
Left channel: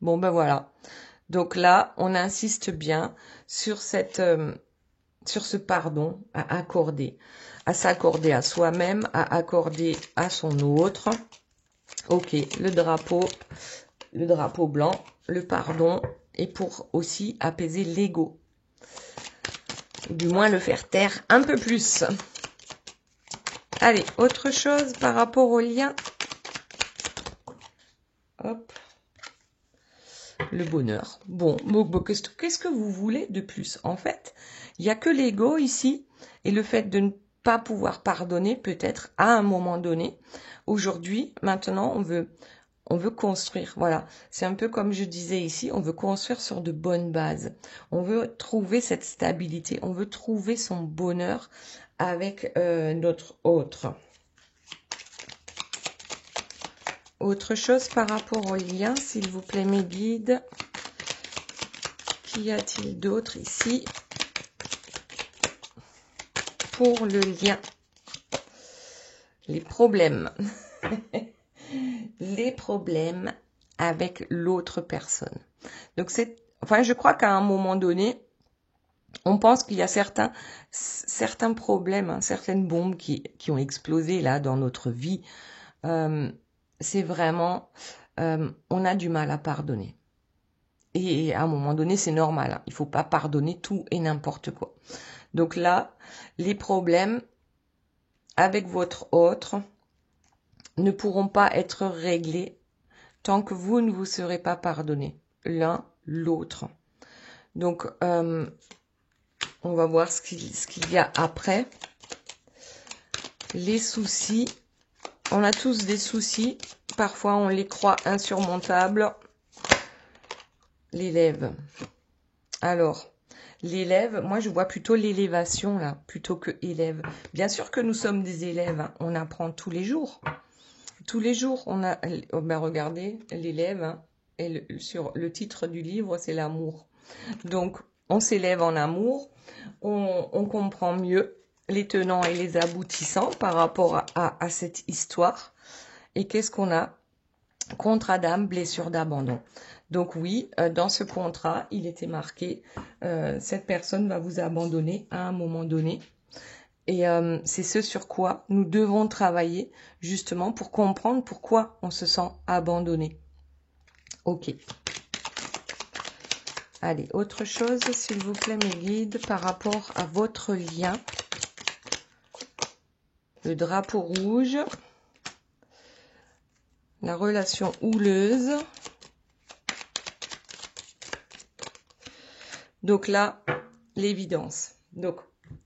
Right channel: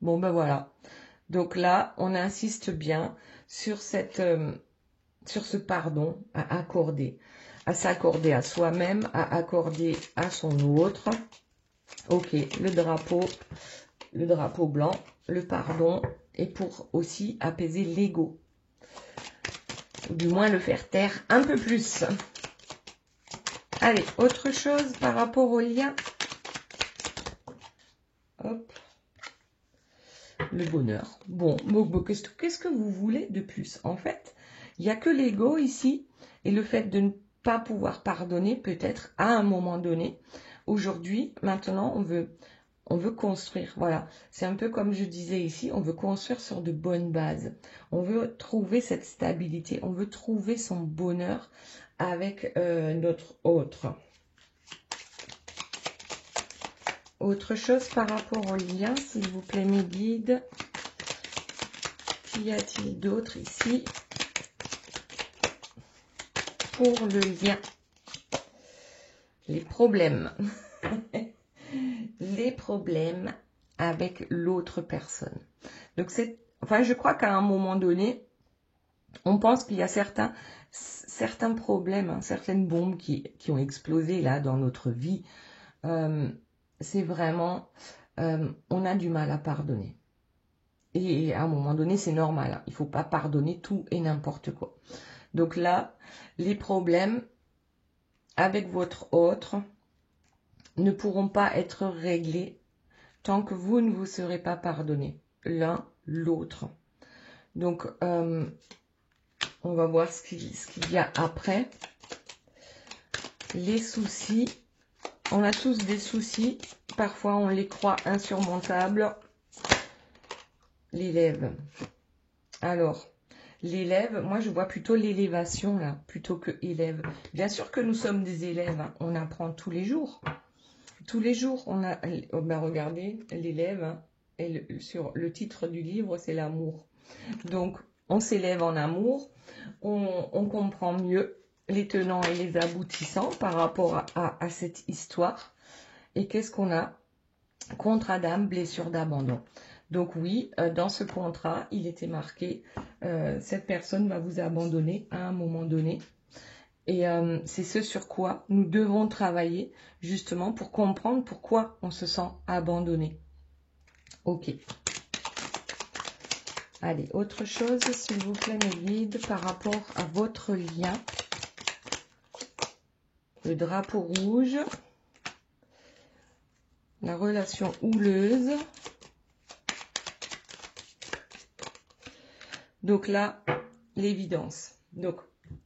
Bon, ben voilà. Donc là, on insiste bien sur ce pardon à accorder, à s'accorder à soi-même, à accorder à son autre. Ok, le drapeau blanc, le pardon, et pour aussi apaiser l'ego. Du moins le faire taire un peu plus. Allez, autre chose par rapport au lien. Hop. Le bonheur. Bon, qu'est-ce que vous voulez de plus? En fait, il n'y a que l'ego ici et le fait de ne pas pouvoir pardonner peut-être à un moment donné. Aujourd'hui, maintenant, on veut construire. Voilà, c'est un peu comme je disais ici, on veut construire sur de bonnes bases. On veut trouver cette stabilité, on veut trouver son bonheur avec notre autre. Autre chose par rapport au lien, s'il vous plaît, mes guides. Qu'y a-t-il d'autre ici pour le lien? Les problèmes. Les problèmes avec l'autre personne. Donc, je crois qu'à un moment donné, on pense qu'il y a certains problèmes, hein, certaines bombes qui ont explosé là dans notre vie. C'est vraiment, on a du mal à pardonner. Et à un moment donné, c'est normal. Hein. Il ne faut pas pardonner tout et n'importe quoi. Donc là, les problèmes avec votre autre ne pourront pas être réglés tant que vous ne vous serez pas pardonné l'un l'autre. Donc, on va voir ce qu'il y a après. Les soucis. On a tous des soucis. Parfois, on les croit insurmontables. L'élève. Alors, l'élève, moi je vois plutôt l'élévation là, plutôt que élève. Bien sûr que nous sommes des élèves, hein, on apprend tous les jours. Tous les jours, on a, ben regardez, l'élève, hein, et sur le titre du livre, c'est l'amour. Donc, on s'élève en amour, on comprend mieux les tenants et les aboutissants par rapport à cette histoire. Et qu'est-ce qu'on a? Contrat d'âme, blessure d'abandon. Donc oui, dans ce contrat, il était marqué, cette personne va vous abandonner à un moment donné. Et c'est ce sur quoi nous devons travailler, justement, pour comprendre pourquoi on se sent abandonné. Ok. Allez, autre chose, s'il vous plaît, mes guides, par rapport à votre lien. Le drapeau rouge. La relation houleuse. Donc là, l'évidence. Donc,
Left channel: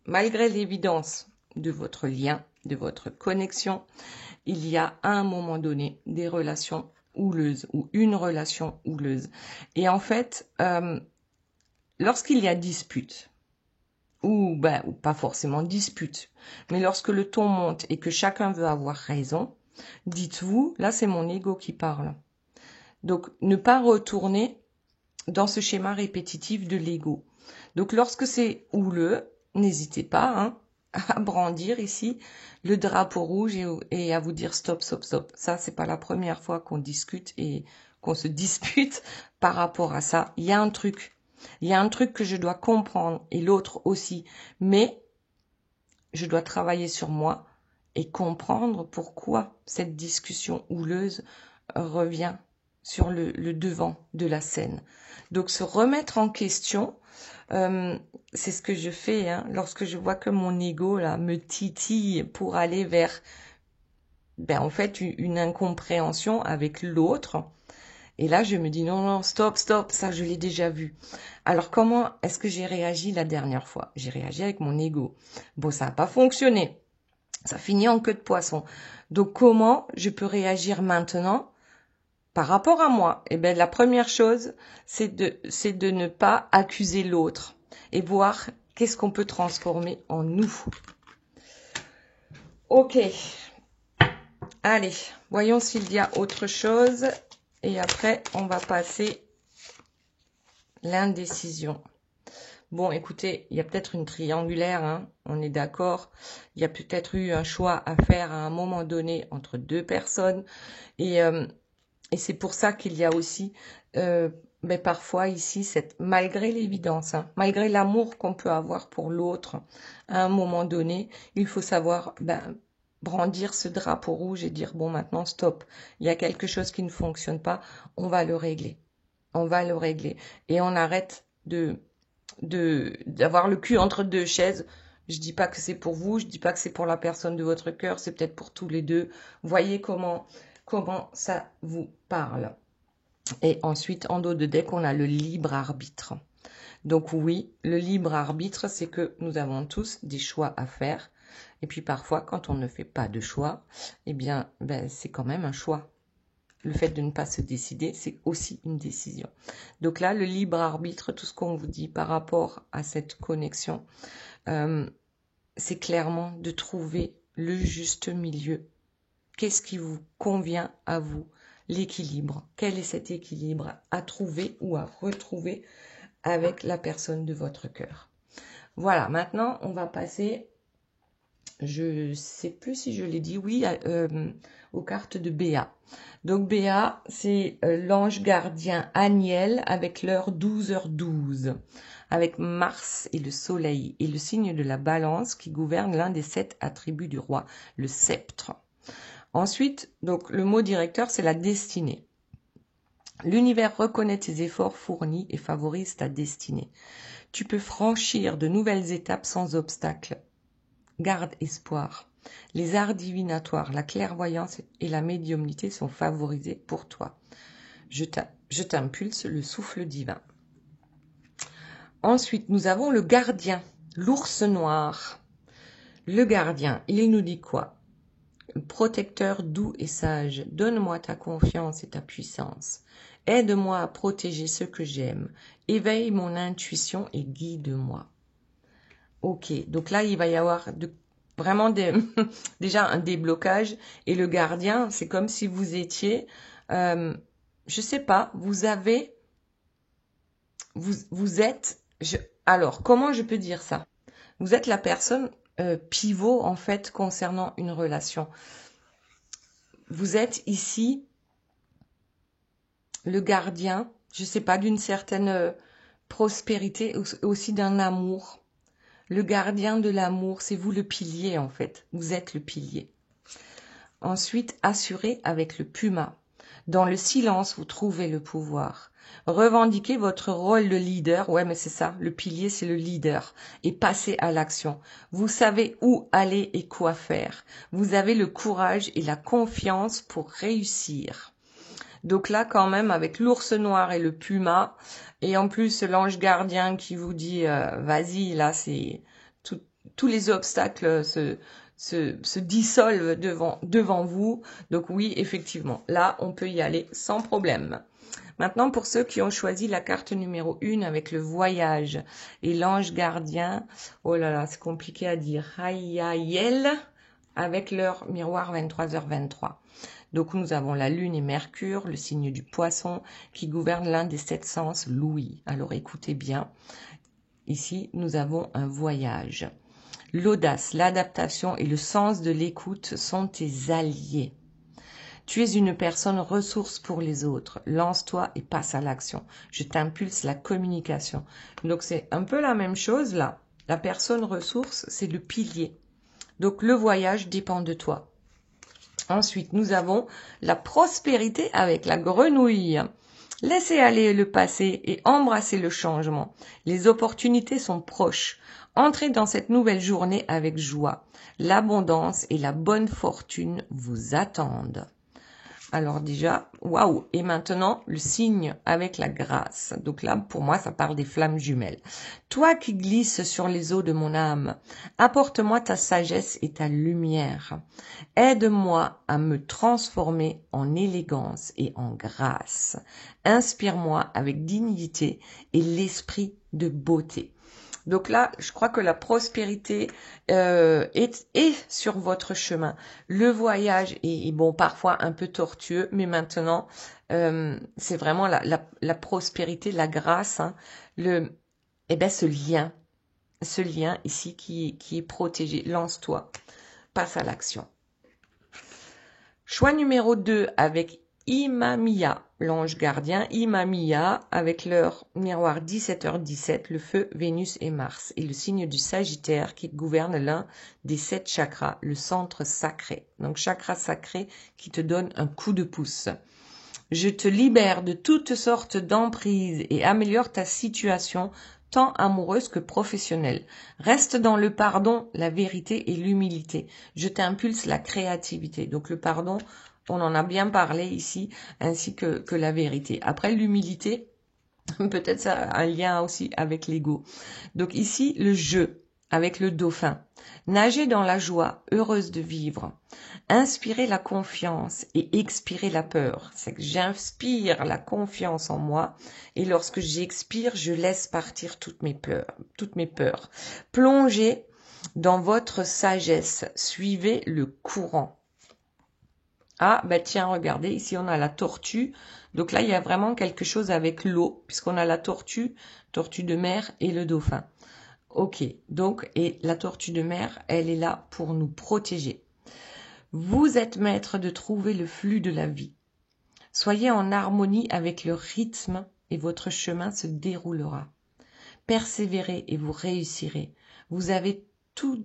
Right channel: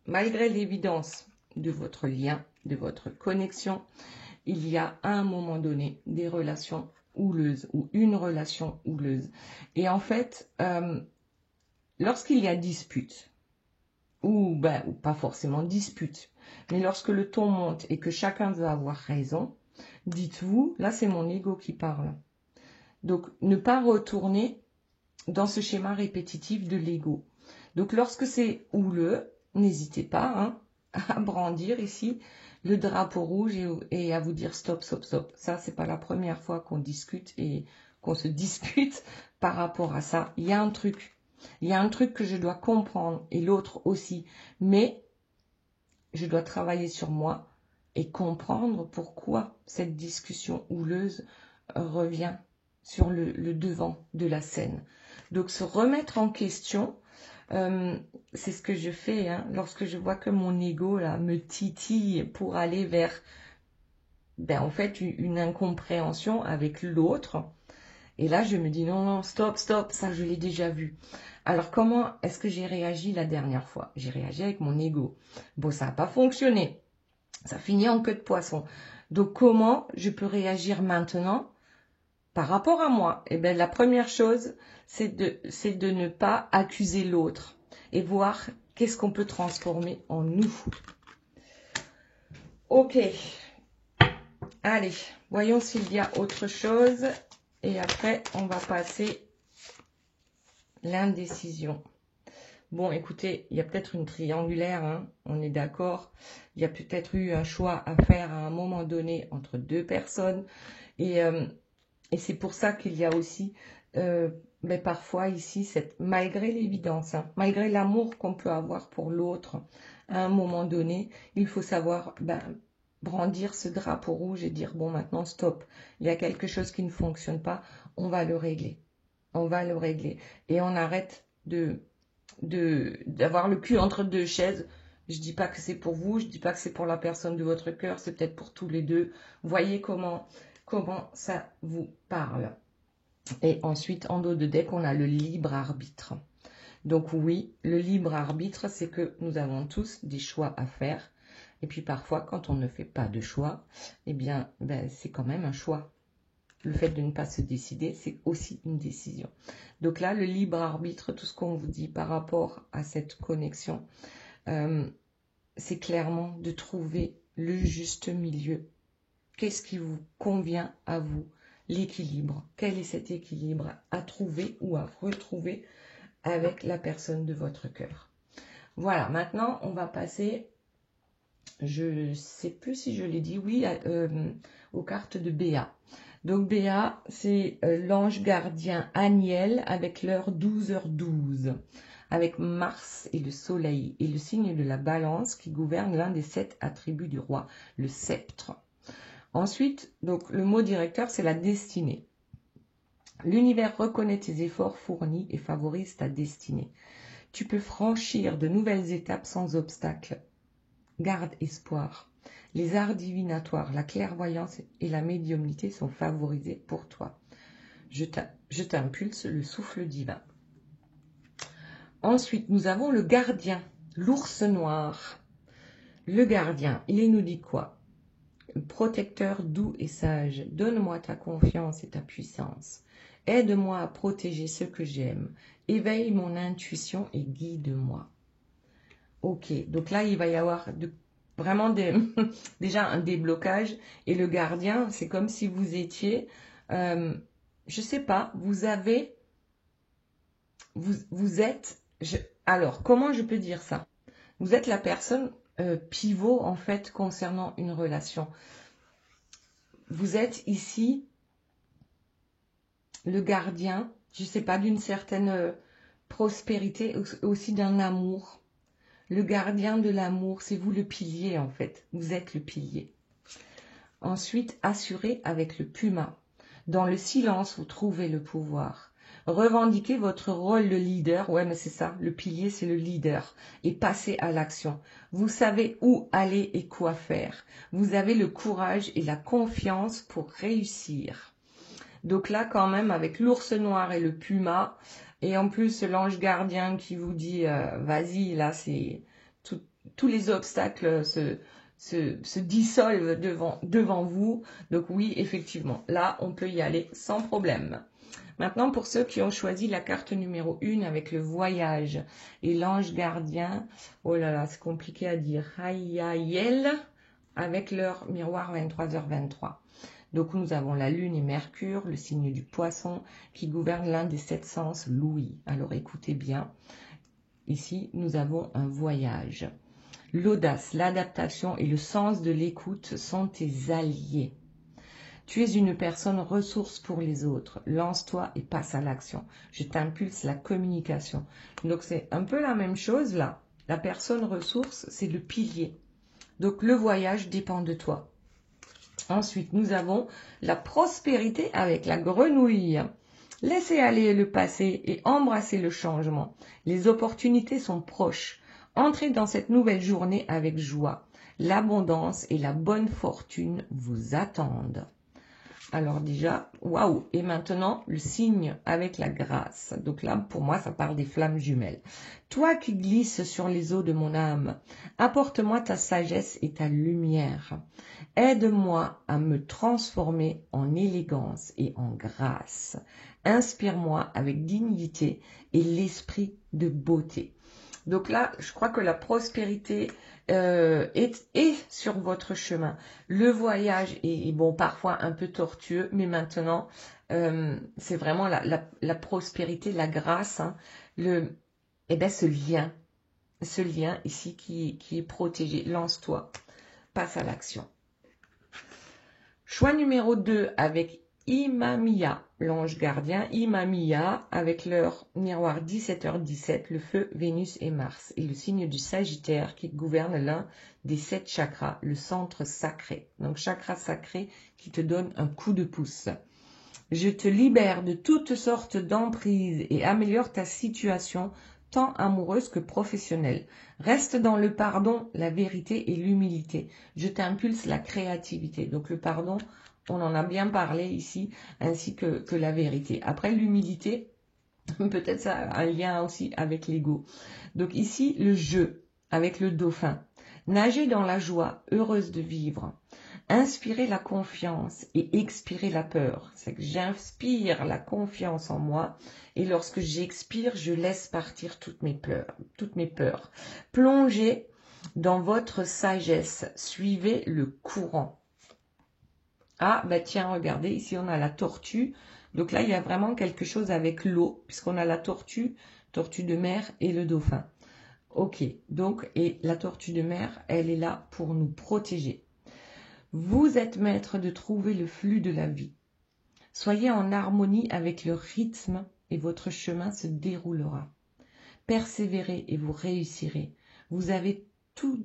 malgré l'évidence de votre lien, de votre connexion, il y a à un moment donné des relations houleuses ou une relation houleuse. Et en fait, lorsqu'il y a dispute, ou pas forcément dispute, mais lorsque le ton monte et que chacun veut avoir raison, dites-vous, là c'est mon ego qui parle. Donc, ne pas retourner dans ce schéma répétitif de l'ego. Donc, lorsque c'est houleux, n'hésitez pas hein, à brandir ici le drapeau rouge et à vous dire stop, stop, stop. Ça, c'est pas la première fois qu'on discute et qu'on se dispute par rapport à ça. Il y a un truc que je dois comprendre et l'autre aussi. Mais je dois travailler sur moi et comprendre pourquoi cette discussion houleuse revient sur le devant de la scène. Donc, se remettre en question, c'est ce que je fais hein, lorsque je vois que mon ego là, me titille pour aller vers en fait, une incompréhension avec l'autre. Et là, je me dis non, non, stop, stop, ça, je l'ai déjà vu. Alors, comment est-ce que j'ai réagi la dernière fois? J'ai réagi avec mon ego. Bon, ça n'a pas fonctionné. Ça finit en queue de poisson. Donc, comment je peux réagir maintenant par rapport à moi? Eh bien, la première chose, c'est de ne pas accuser l'autre et voir qu'est-ce qu'on peut transformer en nous. Ok. Allez, voyons s'il y a autre chose. Et après, on va passer l'indécision. Bon, écoutez, il y a peut-être une triangulaire, hein, on est d'accord. Il y a peut-être eu un choix à faire à un moment donné entre deux personnes. Et Et c'est pour ça qu'il y a aussi, mais parfois ici, malgré l'évidence, hein, malgré l'amour qu'on peut avoir pour l'autre, à un moment donné, il faut savoir brandir ce drapeau rouge et dire, bon, maintenant, stop, il y a quelque chose qui ne fonctionne pas, on va le régler. On va le régler. Et on arrête d'avoir le cul entre deux chaises. Je dis pas que c'est pour vous, je dis pas que c'est pour la personne de votre cœur, c'est peut-être pour tous les deux. Voyez comment ça vous parle. Et ensuite, en dos de deck, on a le libre arbitre. Donc oui, le libre arbitre, c'est que nous avons tous des choix à faire. Et puis parfois, quand on ne fait pas de choix, eh bien, c'est quand même un choix. Le fait de ne pas se décider, c'est aussi une décision. Donc là, le libre arbitre, tout ce qu'on vous dit par rapport à cette connexion, c'est clairement de trouver le juste milieu. Qu'est-ce qui vous convient à vous? L'équilibre. Quel est cet équilibre à trouver ou à retrouver avec la personne de votre cœur? Voilà, maintenant, on va passer, je ne sais plus si je l'ai dit, oui, aux cartes de Béa. Donc Béa, c'est l'ange gardien Aniel avec l'heure 12h12, avec Mars et le soleil et le signe de la balance qui gouverne l'un des 7 attributs du roi, le sceptre. Ensuite, donc le mot directeur, c'est la destinée. L'univers reconnaît tes efforts fournis et favorise ta destinée. Tu peux franchir de nouvelles étapes sans obstacle. Garde espoir. Les arts divinatoires, la clairvoyance et la médiumnité sont favorisés pour toi. Je t'impulse le souffle divin. Ensuite, nous avons le gardien, l'ours noir. Le gardien, il nous dit quoi? Protecteur doux et sage, donne-moi ta confiance et ta puissance. Aide-moi à protéger ceux que j'aime. Éveille mon intuition et guide-moi. Ok, donc là, il va y avoir vraiment déjà un déblocage. Et le gardien, c'est comme si vous étiez, je sais pas, vous êtes, alors, comment je peux dire ça? Vous êtes la personne pivot, en fait, concernant une relation. Vous êtes ici le gardien, je sais pas, d'une certaine prospérité, aussi d'un amour. Le gardien de l'amour, c'est vous le pilier en fait. Vous êtes le pilier. Ensuite, assurez avec le puma. Dans le silence, vous trouvez le pouvoir. Revendiquez votre rôle de leader. Ouais, mais c'est ça. Le pilier, c'est le leader. Et passez à l'action. Vous savez où aller et quoi faire. Vous avez le courage et la confiance pour réussir. Donc là, quand même, avec l'ours noir et le puma, et en plus l'ange gardien qui vous dit vas-y, là, c'est tous les obstacles se dissolvent devant vous. Donc oui, effectivement, là, on peut y aller sans problème. Maintenant, pour ceux qui ont choisi la carte numéro 1 avec le voyage et l'ange gardien, oh là là, c'est compliqué à dire, Hayayel, avec leur miroir 23h23. Donc nous avons la Lune et Mercure, le signe du Poisson, qui gouverne l'un des 7 sens, l'ouïe. Alors écoutez bien, ici nous avons un voyage. L'audace, l'adaptation et le sens de l'écoute sont tes alliés. Tu es une personne ressource pour les autres. Lance-toi et passe à l'action. Je t'impulse la communication. Donc c'est un peu la même chose là. La personne ressource, c'est le pilier. Donc le voyage dépend de toi. Ensuite, nous avons la prospérité avec la grenouille. Laissez aller le passé et embrassez le changement. Les opportunités sont proches. Entrez dans cette nouvelle journée avec joie. L'abondance et la bonne fortune vous attendent. Alors déjà, waouh! Et maintenant, le signe avec la grâce. Donc là, pour moi, ça parle des flammes jumelles. Toi qui glisses sur les eaux de mon âme, apporte-moi ta sagesse et ta lumière. Aide-moi à me transformer en élégance et en grâce. Inspire-moi avec dignité et l'esprit de beauté. Donc là, je crois que la prospérité est sur votre chemin. Le voyage est bon, parfois un peu tortueux, mais maintenant, c'est vraiment la prospérité, la grâce, hein, ce lien ici qui est protégé. Lance-toi, passe à l'action. Choix numéro 2 avec Imamiya, l'ange gardien, Imamiya, avec leur miroir 17h17, le feu, Vénus et Mars, et le signe du Sagittaire qui gouverne l'un des 7 chakras, le centre sacré. Donc chakra sacré qui te donne un coup de pouce. Je te libère de toutes sortes d'emprises et améliore ta situation tant amoureuse que professionnelle. Reste dans le pardon, la vérité et l'humilité. Je t'impulse la créativité. Donc le pardon, on en a bien parlé ici, ainsi que la vérité. Après l'humilité, peut-être ça a un lien aussi avec l'ego. Donc ici, le jeu avec le dauphin. Nager dans la joie, heureuse de vivre. Inspirer la confiance et expirer la peur. C'est que j'inspire la confiance en moi et lorsque j'expire, je laisse partir toutes mes peurs. Plongez dans votre sagesse. Suivez le courant. Ah, ben tiens, regardez, ici on a la tortue. Donc là, il y a vraiment quelque chose avec l'eau, puisqu'on a la tortue de mer et le dauphin. Ok, donc, et la tortue de mer, elle est là pour nous protéger. Vous êtes maître de trouver le flux de la vie. Soyez en harmonie avec le rythme et votre chemin se déroulera. Persévérez et vous réussirez. Vous avez tout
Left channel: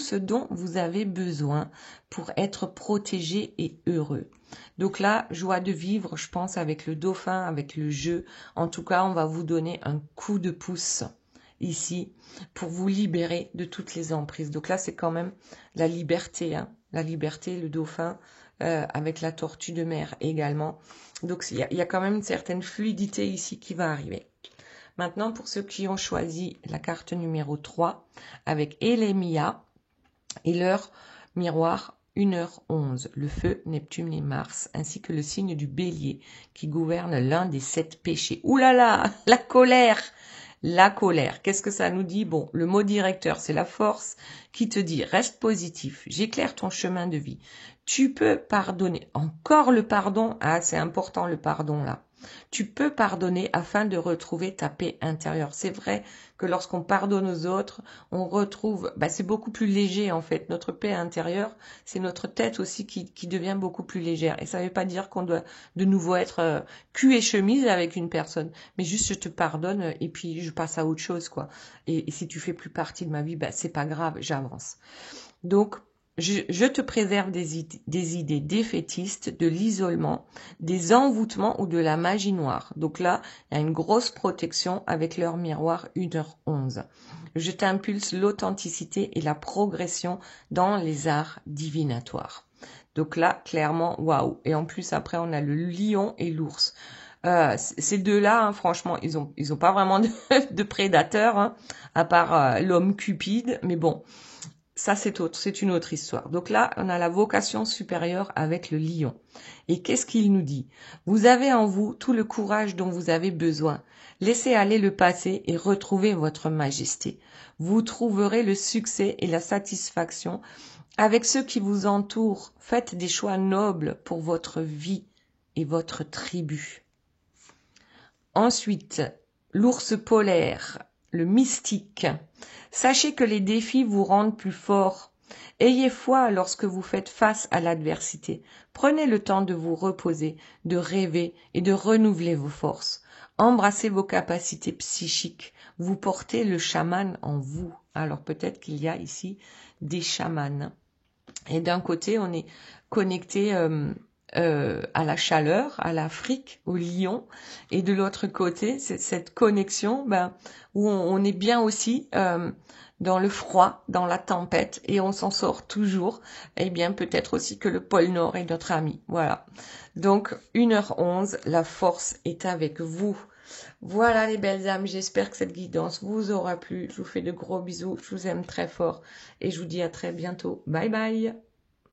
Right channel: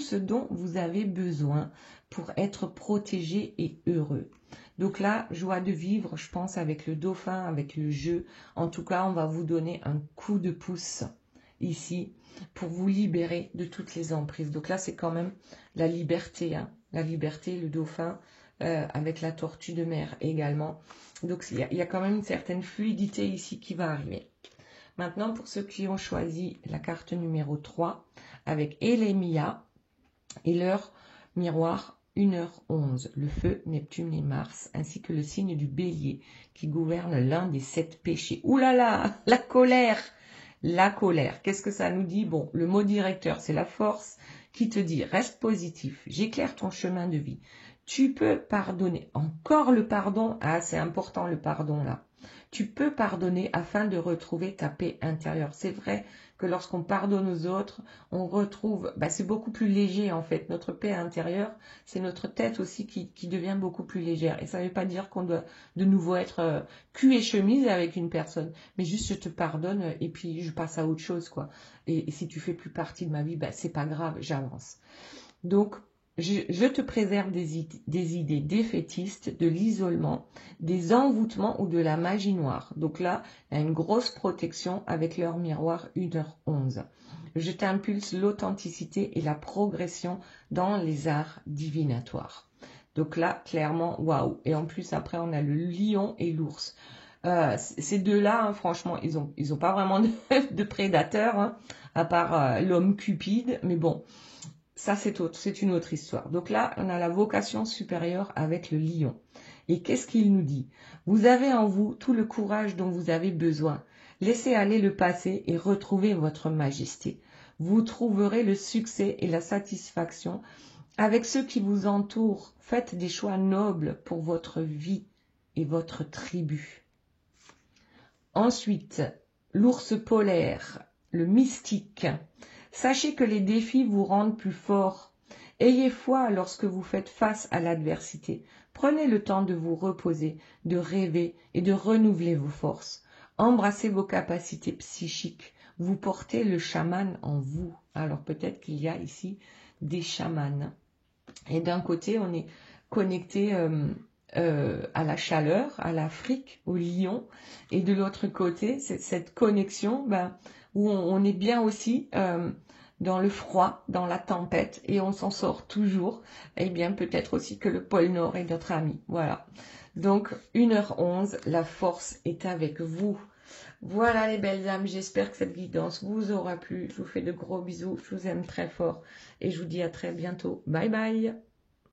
ce dont vous avez besoin pour être protégé et heureux. Donc là, joie de vivre, je pense, avec le dauphin, avec le jeu. En tout cas, on va vous donner un coup de pouce ici pour vous libérer de toutes les emprises. Donc là, c'est quand même la liberté, hein. La liberté, le dauphin, avec la tortue de mer également. Donc il y a quand même une certaine fluidité ici qui va arriver. Maintenant, pour ceux qui ont choisi la carte numéro 3, avec Elemia et leur miroir 1h11, le feu, Neptune et Mars, ainsi que le signe du bélier qui gouverne l'un des 7 péchés. Ouh là là, la colère! La colère, qu'est-ce que ça nous dit? Bon, le mot directeur, c'est la force qui te dit, reste positif, j'éclaire ton chemin de vie. Tu peux pardonner. Encore le pardon, ah c'est important le pardon là. Tu peux pardonner afin de retrouver ta paix intérieure. C'est vrai que lorsqu'on pardonne aux autres, on retrouve, c'est beaucoup plus léger en fait. Notre paix intérieure, c'est notre tête aussi qui devient beaucoup plus légère. Et ça ne veut pas dire qu'on doit de nouveau être cul et chemise avec une personne. Mais juste je te pardonne et puis je passe à autre chose quoi. Et si tu fais plus partie de ma vie, c'est pas grave, j'avance. Donc, je te préserve des idées défaitistes, de l'isolement, des envoûtements ou de la magie noire. Donc là, il y a une grosse protection avec leur miroir 1h11. Je t'impulse l'authenticité et la progression dans les arts divinatoires. Donc là, clairement, waouh. Et en plus, après, on a le lion et l'ours. Ces deux-là, hein, franchement, ils ont pas vraiment de prédateurs, hein, à part l'homme cupide. Mais bon, ça, c'est une autre histoire. Donc là, on a la vocation supérieure avec le lion. Et qu'est-ce qu'il nous dit? Vous avez en vous tout le courage dont vous avez besoin. Laissez aller le passé et retrouvez votre majesté. Vous trouverez le succès et la satisfaction avec ceux qui vous entourent. Faites des choix nobles pour votre vie et votre tribu. Ensuite, l'ours polaire, le mystique. Sachez que les défis vous rendent plus fort. Ayez foi lorsque vous faites face à l'adversité. Prenez le temps de vous reposer, de rêver et de renouveler vos forces. Embrassez vos capacités psychiques. Vous portez le chaman en vous. Alors peut-être qu'il y a ici des chamans. Et d'un côté, on est connecté à la chaleur, à l'Afrique, au lion. Et de l'autre côté, c'est cette connexion où on est bien aussi dans le froid, dans la tempête, et on s'en sort toujours. Eh bien, peut-être aussi que le pôle Nord est notre ami. Voilà. Donc, 1h11, la force est avec vous. Voilà les belles âmes, j'espère que cette guidance vous aura plu. Je vous fais de gros bisous, je vous aime très fort et je vous dis à très bientôt. Bye bye.